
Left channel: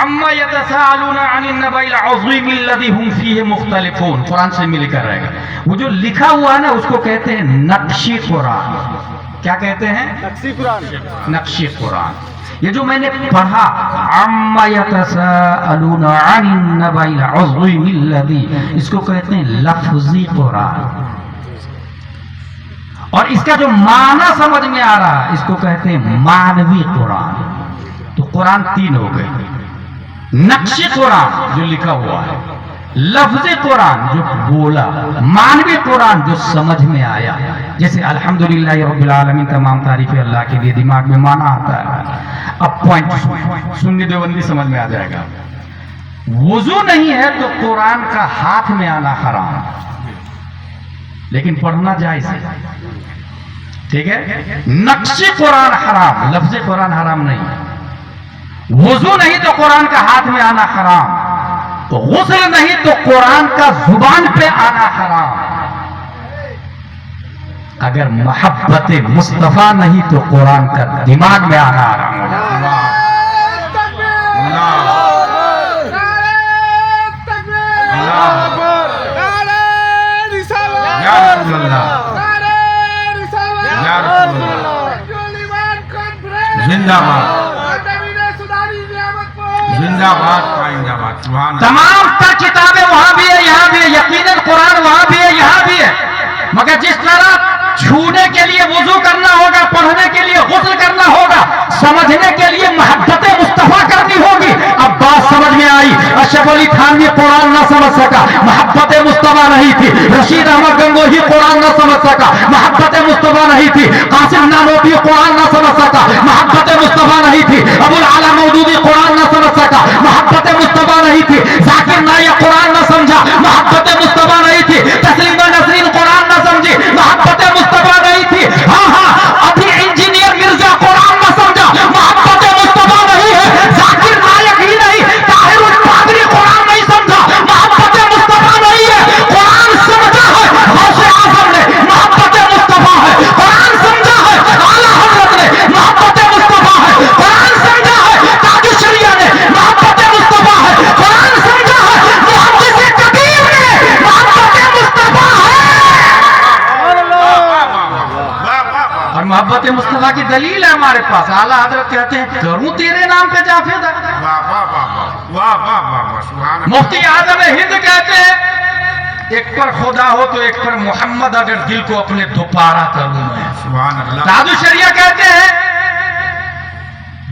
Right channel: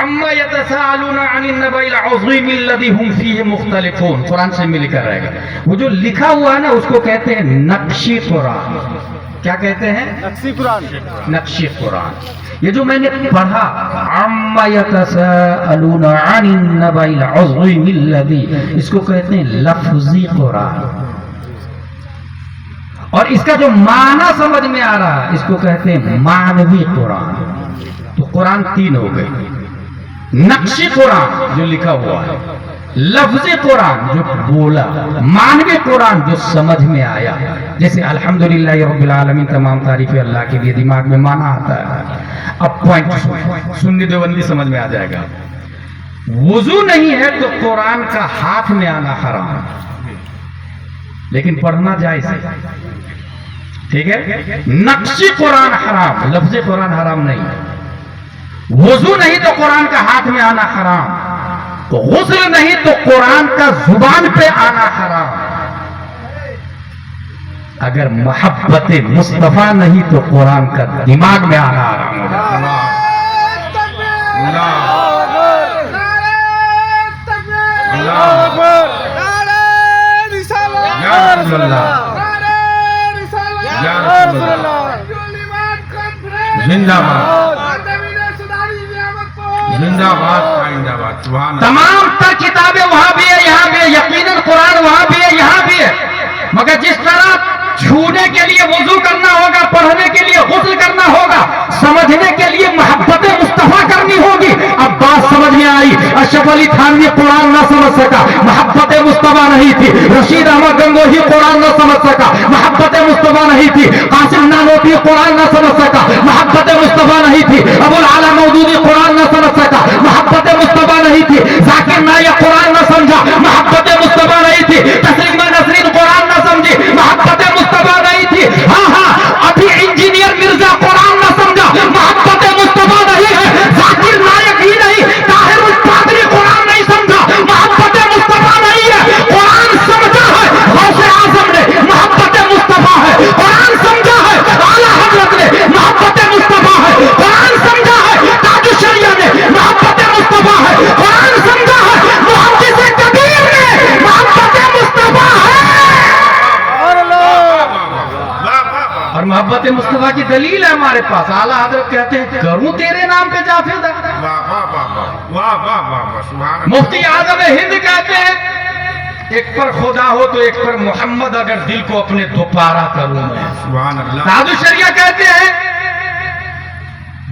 عما یتساءلون عن النبأ العظیم الذی هم فیہ مختلفون۔ قرآن شریف میں لکھا رہے گا۔ وہ جو لکھا ہوا ہے نا اس کو کہتے ہیں نقشی قرآن۔ کیا کہتے ہیں؟ نقشی قرآن۔ یہ جو میں نے پڑھا عما یتساءلون عن النبأ العظیم الذی، اس کو کہتے ہیں لفظی قرآن، اور اس کا جو معنی سمجھ میں آ رہا اس کو کہتے ہیں معنوی قرآن۔ تو قرآن تین ہو گئے، نقشی قرآن جو لکھا ہوا ہے، لفظی قرآن جو بولا، معنوی قرآن جو سمجھ میں آیا، جیسے الحمدللہ رب العالمین، تمام تعریف اللہ کے لیے، دماغ میں معنی آتا ہے۔ اب پوائنٹ سنی دیوبندی سمجھ میں آ جائے گا۔ وضو نہیں ہے تو قرآن کا ہاتھ میں آنا حرام، لیکن پڑھنا جائز ہے، ٹھیک ہے؟ نقشی قرآن حرام، لفظی قرآن حرام نہیں۔ وضو نہیں تو قرآن کا ہاتھ میں آنا حرام، غسل نہیں تو قرآن کا زبان پہ آنا حرام، اگر محبت مصطفیٰ نہیں تو قرآن کا دماغ میں آنا حرام ہوگا۔ زندہ باد، زندہ باد، آئندہ باد، سبحان اللہ۔ تمام تر کتابیں وہاں بھی ہے، یہاں بھی ہے، یقیناً قرآن وہاں بھی ہے، یہاں بھی ہے، مگر جس طرح چھونے کے لیے وضو کرنا ہوگا، پڑھنے کے لیے غسل کرنا ہوگا، سمجھنے کے لیے محبت مصطفیٰ کرنی ہوگی۔ اب بات سمجھ میں آئی۔ اشرف علی تھانوی قرآن نہ سمجھ سکا، محبت مصطفیٰ نہیں تھی۔ رشید احمد گنگوہی قرآن نہ سمجھ سکا، محبت مصطفیٰ نہیں تھی۔ قاسم نانوتوی قرآن نہ سمجھ سکا، محبت مصطفیٰ نہیں تھی۔ ابو العلا مودودی قرآن نہ سمجھ سکا، محبت مصطفیٰ نہیں تھی۔ ذاکر نائک قرآن نہ سمجھا، محبت مصطفیٰ نہیں تھی۔ تسلیمہ نسرین قرآن نہ سمجھی، محبت مصطفیٰ نہیں تھی۔ ہاں ہاں، ابھی انجینئر مرزا قرآن نہ سمجھا، محبت مصطفیٰ نہیں ہے۔ ذاکر نائک ہی نہیں، طاہر القادری قرآن نہیں سمجھا، محبت مصطفیٰ نہیں ہے۔ قرآن سمجھا ہے غوث اعظم نے، محبت مصطفیٰ ہے۔ قرآن سمجھا ہے اعلیٰ حضرت نے، محبت مصطفیٰ ہے۔ قرآن سمجھا ہے تاج الشریعہ نے، محبت مصطفیٰ ہے۔ قرآن سمجھا ہے محدث کبیر نے، محبت مصطفیٰ ہے۔ اور محبت مصطفیٰ کی دلیل ہے ہمارے پاس۔ اعلیٰ حضرت کہتے ہیں کروں تیرے نام پہ جافیدہ۔ مفتی اعظم ہند کہتے ہیں ایک پر خدا ہو تو ایک پر محمد، اگر دل کو اپنے دوپارہ کروں میں۔ سبحان اللہ۔ تاج الشریعہ کہتے ہیں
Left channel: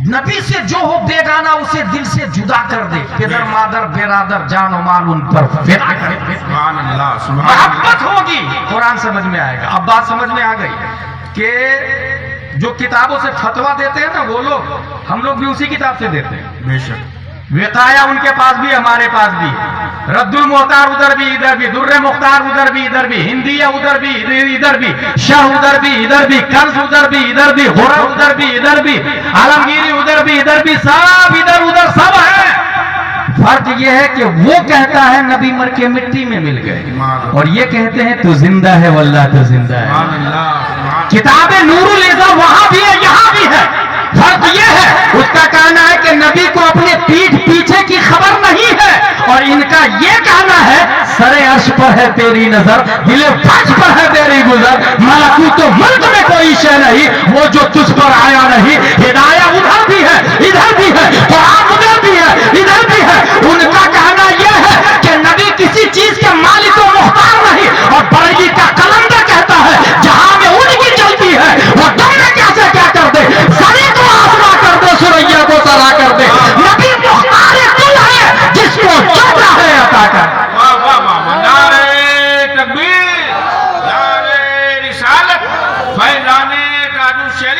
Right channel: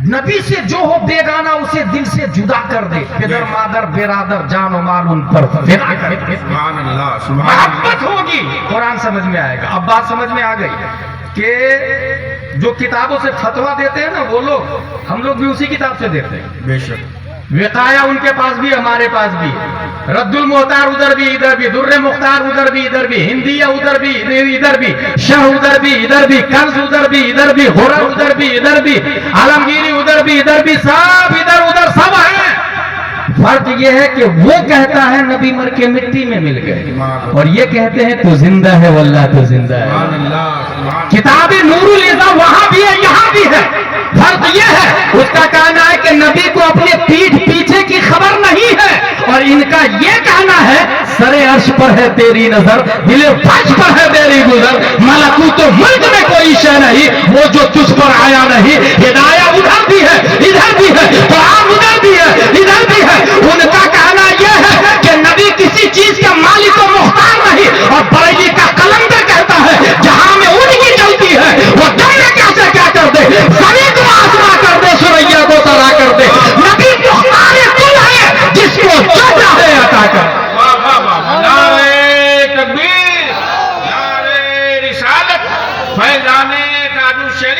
نبی سے جو ہو بیگانہ اسے دل سے جدا کر دے، پدر مادر برادر جان و مال ان پر فدا کر دے۔ سبحان اللہ، سبحان اللہ۔ محبت ہوگی قرآن سمجھ میں آئے گا۔ اب بات سمجھ میں آ گئی کہ جو کتابوں سے فتویٰ دیتے ہیں نا وہ لوگ، ہم لوگ بھی اسی کتاب سے دیتے ہیں۔ بے شک۔ وقایا ان کے پاس بھی، ہمارے پاس بھی، رد المختار ادھر بھی ادھر بھی، در مختار ادھر بھی ادھر بھی، ہندیہ ادھر بھی ادھر بھی، شاہ ادھر بھی ادھر بھی، کنز ادھر بھی ادھر بھی، غرر ادھر بھی ادھر بھی، عالمگیری ادھر بھی ادھر بھی، سب ادھر ادھر سب ہے۔ فرق یہ ہے کہ وہ کہتا ہے نبی مر کے مٹی میں مل گئے، اور یہ کہتے ہیں تو زندہ ہے واللہ تو زندہ ہے۔ سبحان اللہ، سبحان کتاب نور الازا وہاں بھی ہے یہاں بھی ہے۔ فرق یہ ہے اس کا کہنا ہے کہ نبی کو اپنے پیٹھ پیچھے کی خبر نہیں ہے، اور ان کا یہ کہنا ہے سر عرش پر ہے تیری نظر، دل فج پر ہے تیری گزر، ملکوت ملک میں کوئی شے نہیں وہ جو تجھ پر آیا نہیں۔ ہدایہ ادھر بھی ہے ادھر بھی ہے، قرآن ادھر بھی ہے ادھر بھی ہے۔ ان کا کہنا یہ ہے کہ نبی کسی چیز کا مالک و مختار نہیں، اور بریلی کا قلم کیا کہتا ہے جہاں میں ان کی چلتی ہے وہ دم میں کیسے کیا کر دے، زمین کو آسما کر دے، سریا کو ترا کر دے۔ نبی مختار دل ہے جس کو جو چاہے عطا کر۔ واہ واہ واہ، نعرہ تکبیر، نعرہ رسالت، فیضان تاج الشریعہ۔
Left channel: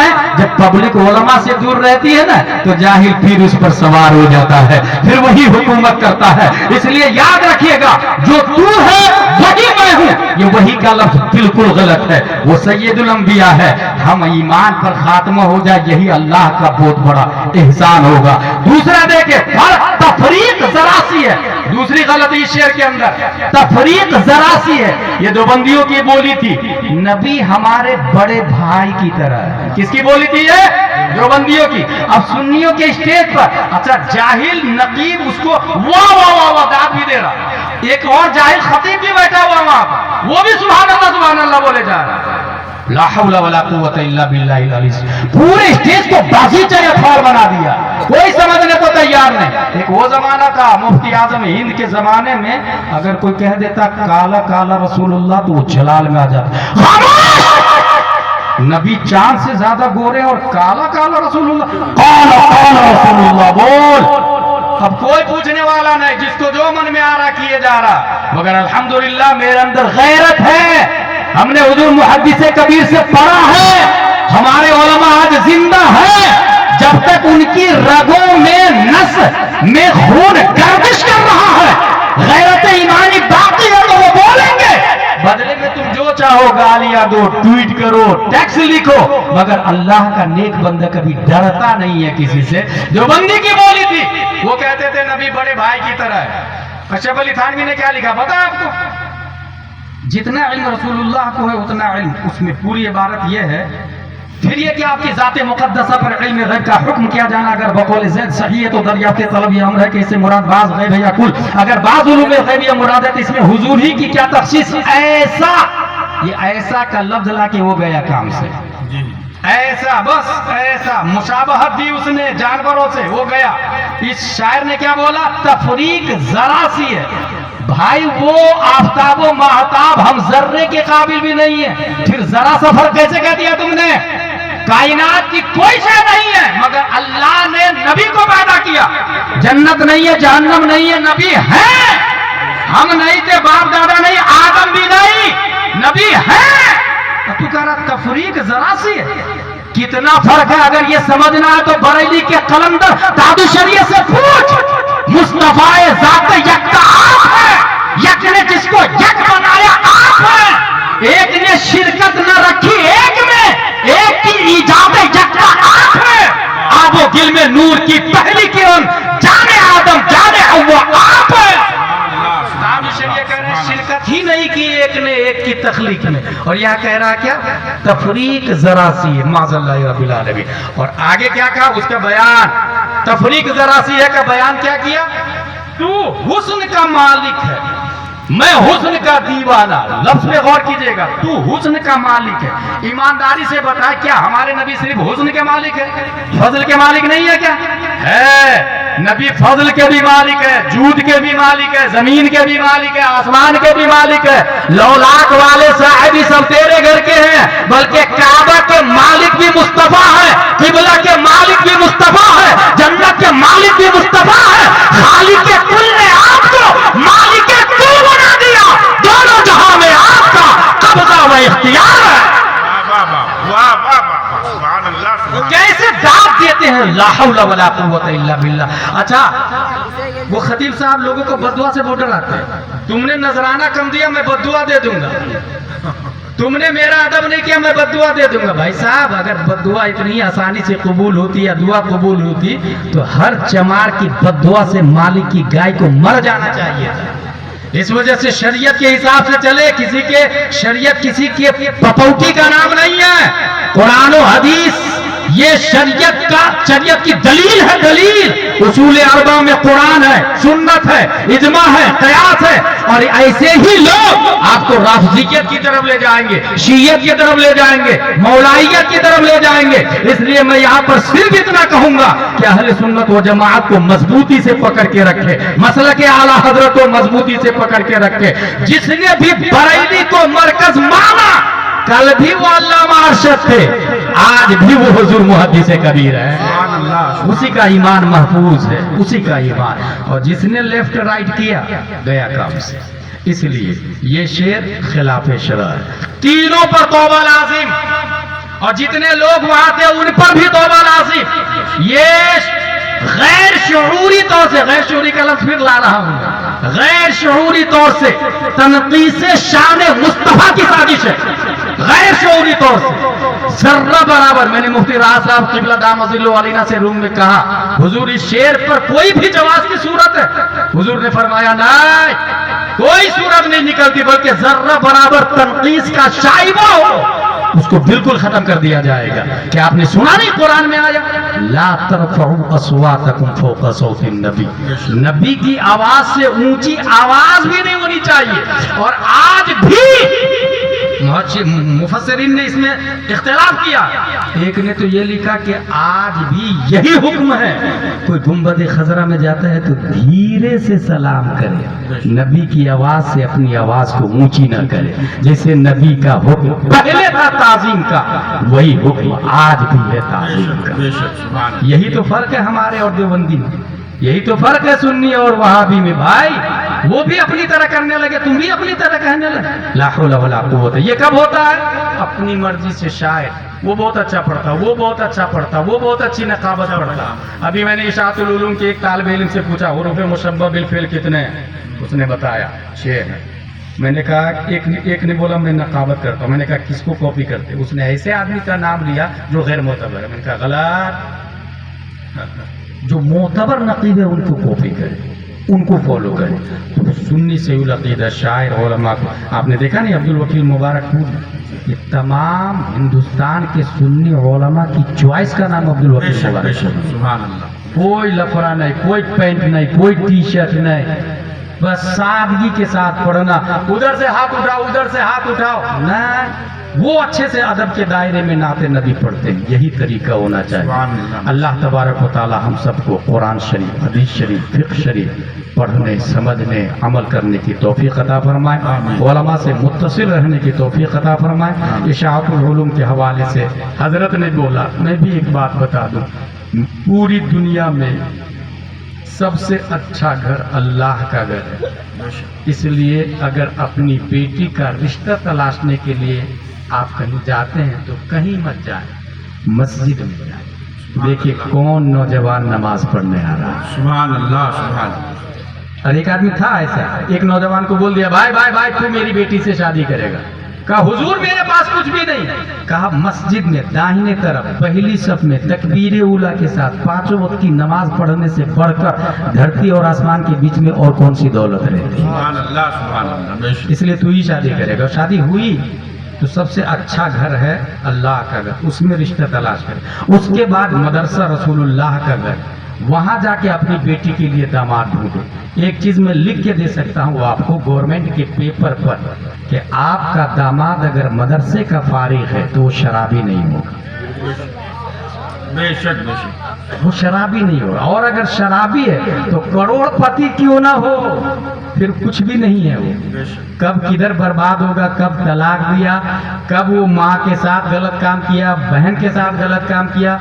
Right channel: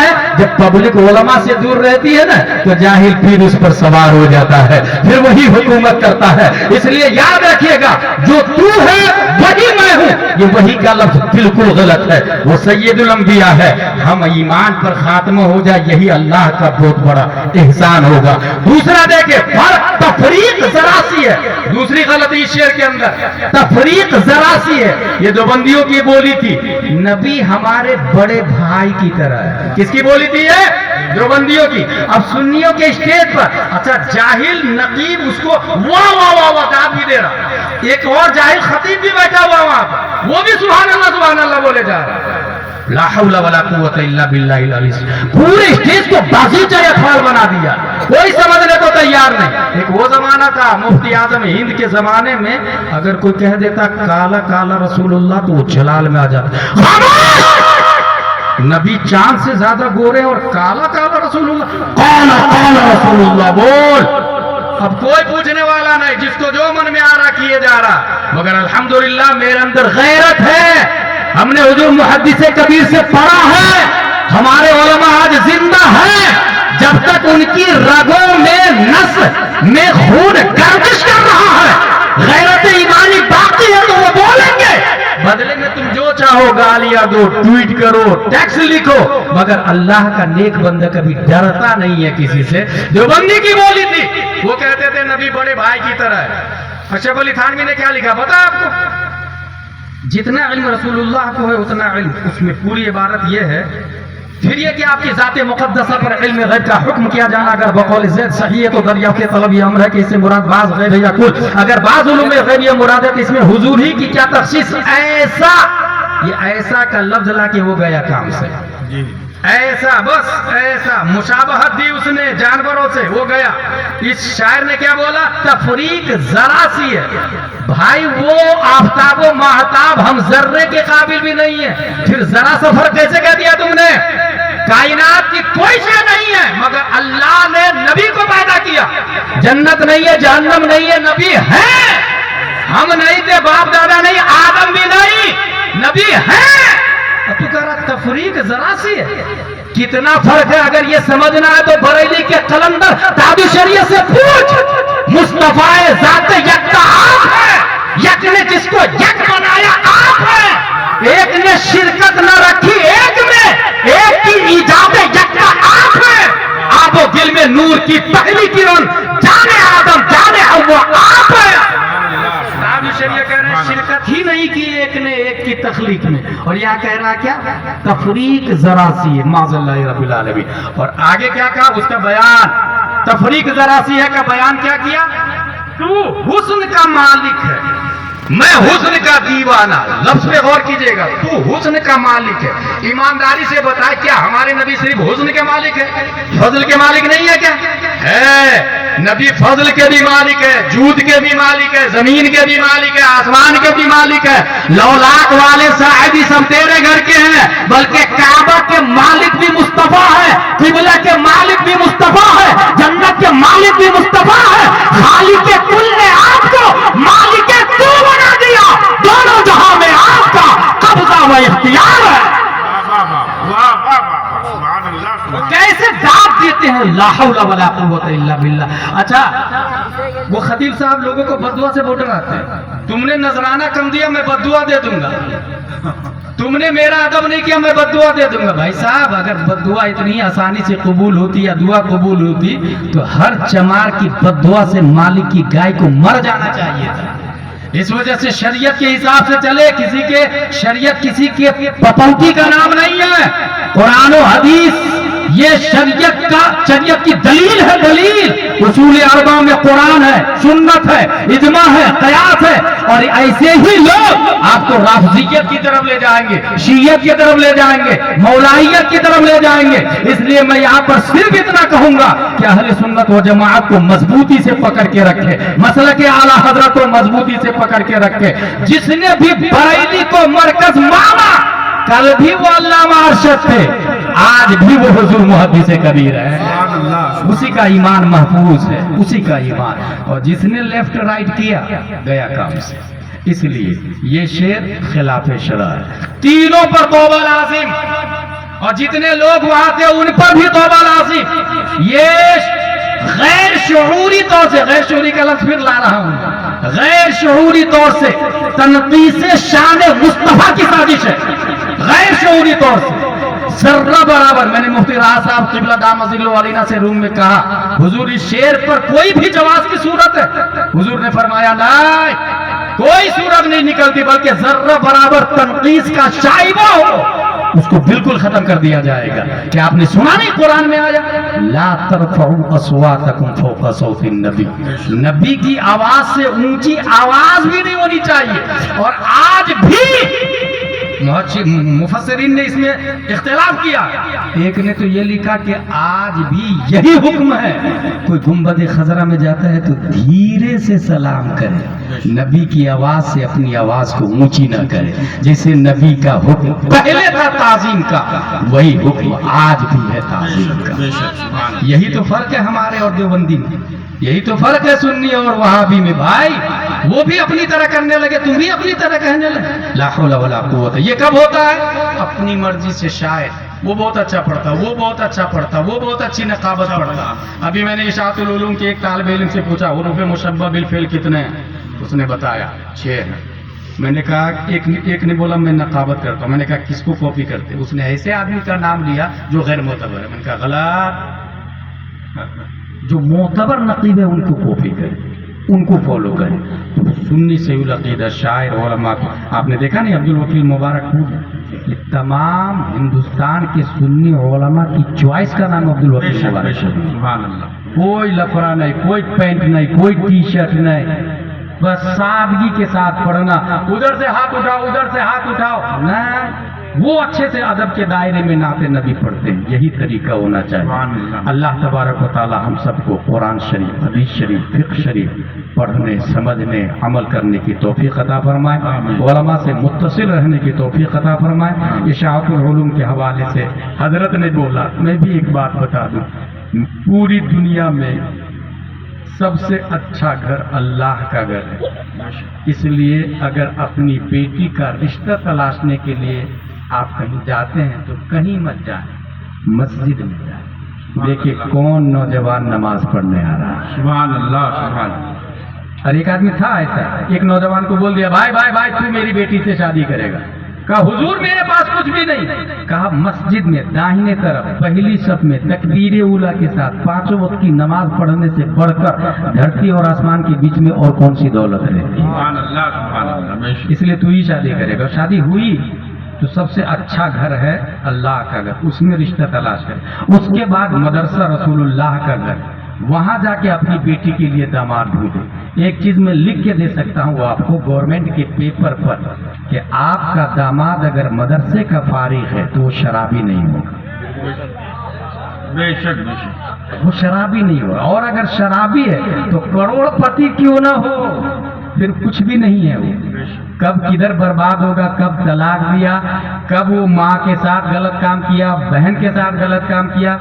ہے؟ جب پبلک علماء سے دور رہتی ہے نا تو جاہل پھر اس پر سوار ہو جاتا ہے، پھر وہی حکومت کرتا ہے۔ اس لیے یاد رکھیے گا، جو تو ہے وہی میں ہوں، یہ وہی کا لفظ بالکل غلط ہے، وہ سید الانبیاء ہے۔ ہم ایمان پر خاتمہ ہو جائے، یہی اللہ کا بہت بڑا احسان ہوگا۔ دوسرا دیکھیں، تفریق ذرا سی ہے، دوسری غلطی شعر کے اندر تفریق ذرا سی ہے۔ یہ دیوبندیوں کی بولی تھی، نبی ہمارے بڑے بھائی کی طرح ہے۔ کس کی بولی تھی یہ؟ دیوبندیوں کی۔ اب سنیوں کے اسٹیج پر اچھا جاہل نقیب اس کو واہ واہ واہ واہ داد بھی دے رہا، ایک اور جاہل خطیب بھی بیٹھا ہوا وہاں پر، وہ بھی سبحان اللہ بولے جا رہا۔ لا حول ولا قوت الا باللہ العلی، پورے اسٹیج کو بازیچہ اطفال بنا دیا، کوئی سمجھنے کو تیار نہیں۔ ایک وہ زمانہ تھا مفتی اعظم ہند کے زمانے میں، اگر کوئی کہہ دیتا کالا کالا رسول اللہ تو وہ جلال میں آ جاتا، نبی چاند سے زیادہ گورے اور کالا کالا رسول اللہ، کالا کالا رسول اللہ بول۔ اب کوئی پوچھنے والا نہیں، جس کو جو من میں آ رہا کیے جا رہا، مگر الحمدللہ میرے اندر غیرت ہے، ہم نے حضور محدث کبیر سے پڑھا ہے، ہمارے علماء آج زندہ ہیں، جب تک ان کی رگوں میں نس میں خون گردش کر رہا ہے، غیرت ایمانی باقی ہے تو وہ بولیں گے، بدلے میں تم جو چاہو گالیاں دو، ٹویٹ کرو، ٹیکس لکھو، مگر اللہ کا نیک بندہ کبھی ڈرتا نہیں ہے کسی سے۔ جو بندی کی بولی تھی، وہ کہتے تھے نبی بڑے بھائی کی طرح ہے۔ اشرف علی تھانوی نے کیا لکھا پتا آپ کو؟ جتنا علم رسول اللہ کو ہے اتنا علم، اس میں پوری عبارت یہ ہے، پھر یہ کہ آپ کی ذات مقدسہ پر علم غیب کا حکم کیا جانا اگر بقول زید صحیح ہے تو دریافت طلب یہ امر ہے کہ اس سے مراد بعض غیب ہے یا کل، اگر بعض علوم غیب یا مراد ہے تو اس میں حضور ہی کی کیا تخصیص؟ ایسا، یہ ایسا کا لفظ لا کے وہ گیا کام سے، ایسا بس ایسا، مشابہت دی اس نے جانوروں سے، وہ گیا۔ اس شاعر نے کیا بولا؟ تفریق ذرا سی ہے، بھائی وہ آفتاب و ماہتاب ہم ذرے کے قابل بھی نہیں ہیں، پھر ذرا سا فرق کیسے کہہ دیا تم نے؟ کائنات کی کوئی شے نہیں ہے مگر اللہ نے نبی کو پیدا کیا، جنت نہیں ہے، جہنم نہیں ہے، نبی ہے، ہم نہیں تھے، باپ دادا نہیں، آدم بھی نہیں، نبی ہے، تو کہہ رہا تفریق ذرا سی ہے، کتنا فرق ہے؟ اگر یہ سمجھنا ہے تو بریلی کے قلندر قاضی شریعت سے پوچھ، مصطفیٰ ذات یکتا آپ ہے، یک نے جس کو یک بنایا آپ ہے، ایک نے شرکت نہ رکھی ایک میں، ایک کی ایجاد یکتا آپ ہے، آب و گل میں نور کی پہلی کرن جانے آدم جانے حوا آپ ہے۔ شریعت کہہ رہے ہیں شرکت ہی نہیں کی ایک نے، ایک کی تخلیق نے، اور یہاں کہہ رہا کیا؟ تفریق ذرا سی ہے، معاذ اللہ رب العالمین۔ اور آگے کیا کہا اس کا بیان؟ تفریق ذرا سی ہے کہ بیان کیا کیا؟ تو حسن کا مالک ہے، میں حسن کا دیوانہ، لفظ پہ غور کیجئے گا، تو حسن کا مالک ہے۔ ایمانداری سے بتائے کیا ہمارے نبی صرف حسن کے مالک ہے، فضل کے مالک نہیں ہے کیا؟ ہے، نبی فضل کے بھی مالک ہے، جود کے بھی مالک ہے، زمین کے بھی مالک ہے، آسمان کے بھی مالک ہے، لولاک والے صاحبی سب تیرے گھر کے ہیں، بلکہ کعبہ کے مالک بھی مصطفیٰ ہے، قبلہ کے مالک بھی مصطفیٰ ہے، جنت کے مالک بھی مصطفیٰ ہے، خالق کے کل نے آپ کو مالک کے کل بنا دیا، دونوں جہاں میں آپ کا قبضہ و اختیار ہے۔ کیسے داد دیتے ہیں، لا حول ولا قوت الا باللہ۔ اچھا وہ خطیب صاحب لوگوں کو بددعا سے ووٹر آتے ہیں، تم نے نذرانہ کم دیا میں بددعا دے دوں گا، تم نے میرا ادب نہیں کیا میں بددعا دے دوں گا۔ بھائی صاحب اگر بددعا اتنی آسانی سے قبول ہوتی یا دعا قبول ہوتی تو ہر چمار کی بددعا سے مالک کی گائے کو مر جانا چاہیے تھا۔ اس وجہ سے شریعت کے حساب سے چلے، کسی کے شریعت کسی کے پپوتی کا نام نہیں ہے، قرآن و حدیث یہ شریعت کی دلیل ہے، دلیل اصول اربع میں قرآن ہے، سنت ہے، اجماع ہے، قیاس ہے، اور ایسے ہی لوگ آپ کو رافضیت کی طرف لے جائیں گے، شیعت کی طرف لے جائیں گے، مولائیت کی طرف لے جائیں گے۔ اس لیے میں یہاں پر صرف اتنا کہوں گا کہ اہل سنت و جماعت کو مضبوطی سے پکڑ کے رکھے، مسلک اعلیٰ حضرت کو مضبوطی سے پکڑ کے رکھے۔ جس نے بھی بریلی کو مرکز مانا، کل بھی وہ علامہ ارشد تھے، آج بھی وہ حضور محدث کبیر ہے، اسی کا ایمان محفوظ ہے، اسی کا ایمان۔ اور جس نے لیفٹ رائٹ کیا گیا کام سے۔ اس لیے یہ شعر خلاف شرع ہے، تینوں پر توبہ لازم، اور جتنے لوگ وہاں تھے ان پر بھی توبہ نازل. یہ غیر شعوری طور سے، غیر شعوری کا لفظ پھر لا رہا ہوں، غیر شعوری طور سے تنقیص شان مصطفیٰ کی سازش ہے. غیر شعوری طور سے ذرہ برابر. میں نے مفتی راحت صاحب قبلہ دام ظلہ علینا سے روم میں کہا، حضور اس شعر پر کوئی بھی جواز کی صورت ہے؟ حضور نے فرمایا نہیں، کوئی صورت نہیں نکلتی، بلکہ ذرہ برابر تنقیص کا شائبہ ہو اس کو بالکل ختم کر دیا جائے گا. کیا آپ نے سنا نہیں قرآن میں آیا لا ترفعوا اصواتکم فوق صوت النبی، نبی کی آواز سے اونچی آواز بھی نہیں ہونی چاہیے. اور آج بھی مفسرین نے اس میں اختلاف کیا. ایک نے تو یہ لکھا کہ آج بھی یہی حکم ہے، کوئی گنبد خضرا میں جاتا ہے تو دھیرے سے سلام کرے، نبی کی آواز سے اپنی آواز کو اونچی نہ کرے. جیسے نبی کا حکم پہلے تھا تعظیم کا، وہی حکم آج بھی ہے تعظیم کا. یہی تو فرق ہے ہمارے اور دیوبندی میں، یہی تو فرق ہے سنی اور وہابی میں. بھائی وہ بھی اپنی طرح کرنے لگے، تم بھی اپنی طرح کہنے لگے. لا حول ولا قوت. یہ کب ہوتا ہے؟ اپنی مرضی سے. شاعر وہ بہت اچھا پڑھتا، وہ بہت اچھا پڑھتا، وہ بہت اچھی نقابت پڑھتا. ابھی میں نے اشاعت العلوم کے ایک طالب علم سے پوچھا حروف مشبہ بالفعل کتنے ہیں؟ اس نے بتایا 6 ہیں. میں نے کہا ایک نے بولا میں نقابت کرتا. میں نے کہا کس کو کاپی کرتے؟ اس نے ایسے آدمی کا نام لیا جو غیر معتبر ہے. میں نے کہا غلط. جو معتبر نقیب ہے ان کو کاپی کرے، ان کو فالو کرے. سنی سیول عقیدہ شاعر علماء کو آپ نے دیکھا نہیں، عبد الوکیل مبارک پور، یہ تمام ہندوستان کے سنی علماء کی چوائس کا نام عبد الوکیل مبارک. سبحان اللہ. کوئی لفڑا نہیں، کوئی پینٹ نہیں، کوئی ٹی شرٹ نہیں، بس سادگی کے ساتھ پڑھنا. ادھر سے ہاتھ اٹھاؤ، ادھر سے ہاتھ اٹھاؤ نہ. وہ اچھے سے ادب کے دائرے میں نعت نبی پڑھتے ہیں. یہی طریقہ ہونا چاہیے. اللہ تبارک و تعالی ہم سب کو قرآن شریف، حدیث شریف، فقہ شریف پڑھنے، سمجھنے، عمل کرنے کی توفیق عطا فرمائے. علماء سے متصل رہنے کی توفیق عطا فرمائے. اشاعت العلوم کے حوالے سے حضرت نے بولا، میں بھی ایک بات بتا دوں، پوری دنیا میں سب سے اچھا گھر اللہ کا گھر ہے. اس لیے اگر اپنی بیٹی کا رشتہ تلاشنے کے لیے آپ کہیں جاتے ہیں تو کہیں مت جائیں، مسجد میں جائیں. دیکھیے کون نوجوان نماز پڑھنے آ رہا ہے. سبحان اللہ سبحان اللہ. اور ایک آدمی تھا ایسا، ایک نوجوان کو بول دیا بھائی بھائی بھائی تو میری بیٹی سے شادی کرے گا. کہا حضور میرے پاس کچھ بھی نہیں. کہا مسجد میں داہنے طرف پہلی صف میں تکبیر اولیٰ کے ساتھ 5 وقت کی نماز پڑھنے سے بڑھ کر دھرتی اور آسمان کے بیچ میں اور کون سی دولت رہتی ہے. سبحان اللہ سبحان اللہ. اس لیے تو ہی شادی کرے گا. شادی ہوئی تو سب سے اچھا گھر ہے اللہ کا گھر، اس میں رشتہ تلاش کرے. اس کے بعد مدرسہ رسول اللہ کا گھر، وہاں جا کے اپنی بیٹی کے لیے داماد ڈھونڈو. ایک چیز میں لکھ کے دے سکتا ہوں وہ آپ کو گورنمنٹ کے پیپر پر، کہ آپ کا داماد اگر مدرسے کا فارغ ہے تو وہ شرابی نہیں ہوگا. بے شک بے شک وہ شرابی نہیں ہوگا. اور اگر شرابی ہے تو کروڑ پتی کیوں نہ ہو، پھر کچھ بھی نہیں ہے. وہ کب کدھر برباد ہوگا، کب طلاق دیا، کب وہ ماں کے ساتھ غلط کام کیا، بہن کے ساتھ غلط کام کیا،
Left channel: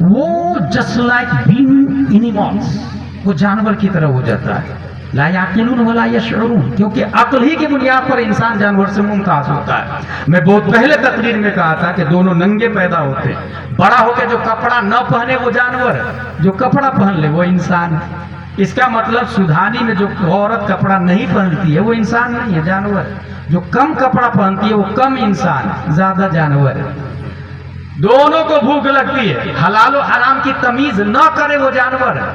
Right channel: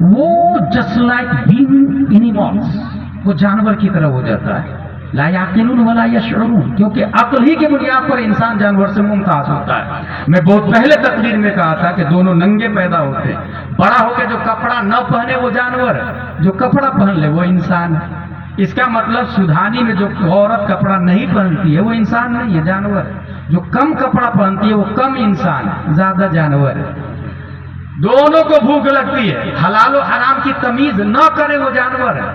وہ جسٹ لائک بینگ اینیملز، وہ جانور کی طرح ہو جاتا ہے. لا یعقلون ولا یشعرون، کیونکہ عقل ہی کی بنیاد پر انسان جانور سے ممتاز ہوتا ہے. میں بہت پہلے تقریر میں کہا تھا کہ دونوں ننگے پیدا ہوتے ہیں. بڑا ہو کے جو کپڑا نہ پہنے وہ جانور ہے، جو کپڑا پہن لے وہ انسان ہے. اس کا مطلب سودھانی میں جو عورت کپڑا نہیں پہنتی ہے وہ انسان نہیں ہے، جانور ہے. جو کم کپڑا پہنتی ہے وہ کم انسان ہے، زیادہ جانور ہے. دونوں کو بھوک لگتی ہے، حلال و حرام کی تمیز نہ کرے وہ جانور ہے.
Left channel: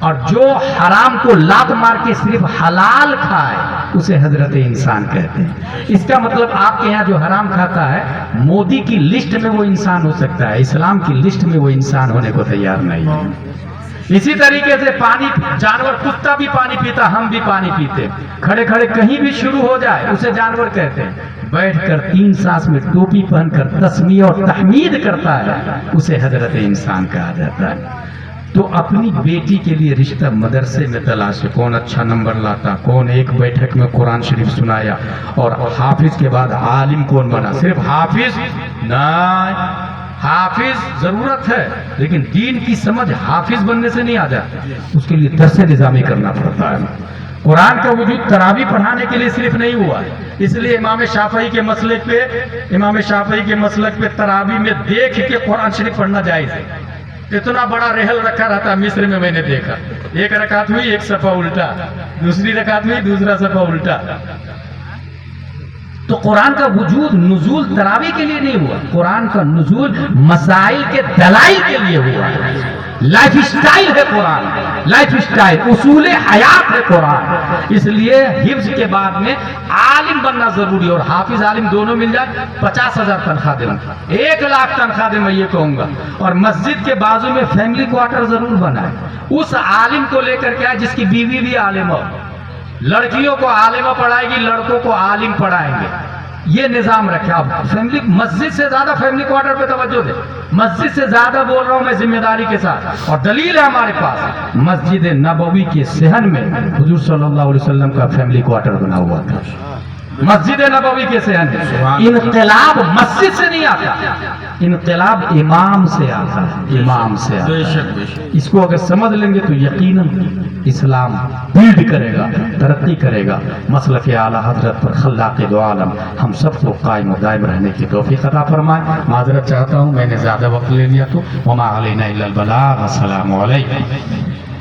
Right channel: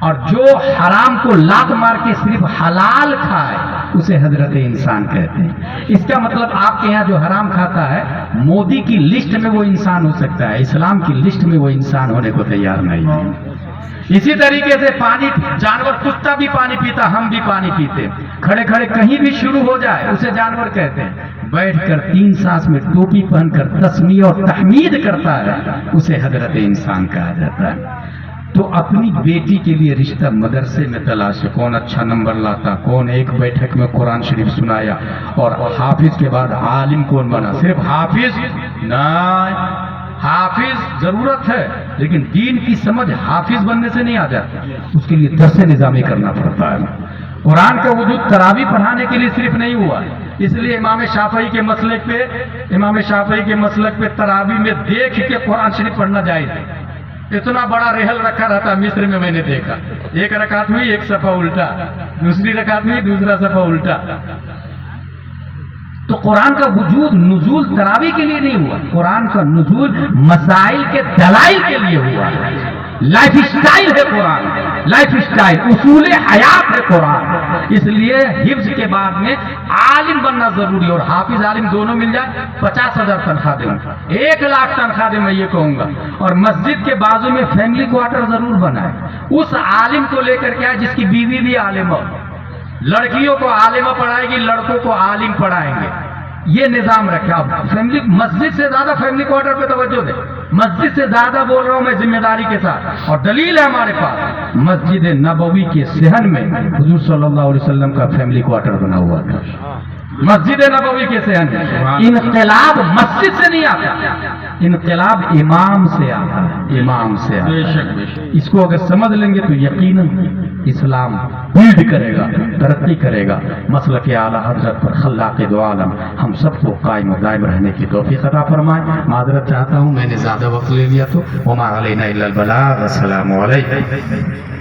اور جو حرام کو لات مار کے صرف حلال کھائے اسے حضرت انسان کہتے ہیں. اس کا مطلب آپ کے یہاں جو حرام کھاتا ہے مودی کی لسٹ میں وہ انسان ہو سکتا ہے، اسلام کی لسٹ میں وہ انسان ہونے کو تیار نہیں ہے. اسی طریقے سے پانی، جانور کتا بھی پانی پیتا، ہم بھی پانی پیتے. کھڑے کھڑے کہیں بھی شروع ہو جائے اسے جانور کہتے ہیں. بیٹھ کر 3 سانس میں ٹوپی پہن کر تسمیہ اور تحمید کرتا ہے اسے حضرت انسان کہا جاتا ہے. تو اپنی بیٹی کے لیے رشتہ مدرسے میں تلاش ہے. کون اچھا نمبر لاتا، کون ایک بیٹھک میں قرآن شریف سنایا، اور حافظ کے بعد عالم کون بنا. صرف حافظ نہیں، حافظ ضرورت ہے لیکن دین کی سمجھ حافظ بننے سے نہیں آ جاتی، اس کے لیے درس نظامی کرنا پڑتا ہے. قرآن کا وجود تراویح پڑھانے کے لیے صرف نہیں ہوا ہے، اس لیے امام شافعی کے مسلک پہ تراویح میں دیکھ کے قرآن شریف پڑھنا جائز ہے. اتنا بڑا رحل رکھا رہتا مصر میں نے دیکھا. ایک رکعت ہوئی ایک صفحہ الٹا، دوسری رکعت ہوئی دوسرا صفحہ الٹا. تو قرآن کا وجود نزول تراویح کے لیے نہیں ہوا، قرآن کا نزول مسائل کے دلائل کے لیے ہوا. لائف سٹائل ہے قرآن، لائف سٹائل، اصول حیات ہے قرآن. اس لیے حفظ کے بعد میں عالم بننا ضروری ہے، اور حافظ عالم دونوں مل جائے 50,000 تنخواہ دیں گے، 1,00,000 تنخواہ دیں، میں یہ کہوں گا. اور مسجد کے بازو میں فیملی کوارٹر ضرور بنائے. اس عالم کو لے کر کے آئے جس کی بیوی بھی عالم ہو. لڑکیوں کو عالمہ پڑھائے گی، لڑکوں کو عالم پڑھائیں گے. یہ نظام رکھے. آپ فیملی مسجد سے زیادہ فیملی کوارٹر پہ توجہ دیں. مسجد سے زیادہ بول رہا ہوں میں ذمہ داری کے ساتھ، اور دلیل ہے ہمارے پاس. مسجد نبوی کے صحن میں حضور صلی اللہ علیہ وسلم کا فیملی کوارٹر بنا ہوا تھا. مسجد نبوی کے صحن میں. انقلاب مسجد سے نہیں آتا، انقلاب امام سے آتا ہے، امام سے آتا ہے. اس کو اگر سمجھ لیں گے تو یقیناً اسلام بلڈ کرے گا، ترقی کرے گا. مسلک اعلیٰ حضرت پر خلاق دو عالم ہم سب کو قائم و دائم رہنے کی توفیق عطا فرمائے. معذرت چاہتا ہوں میں نے زیادہ وقت لے لیا تو. وما علینا الا البلاغ. السلام علیکم.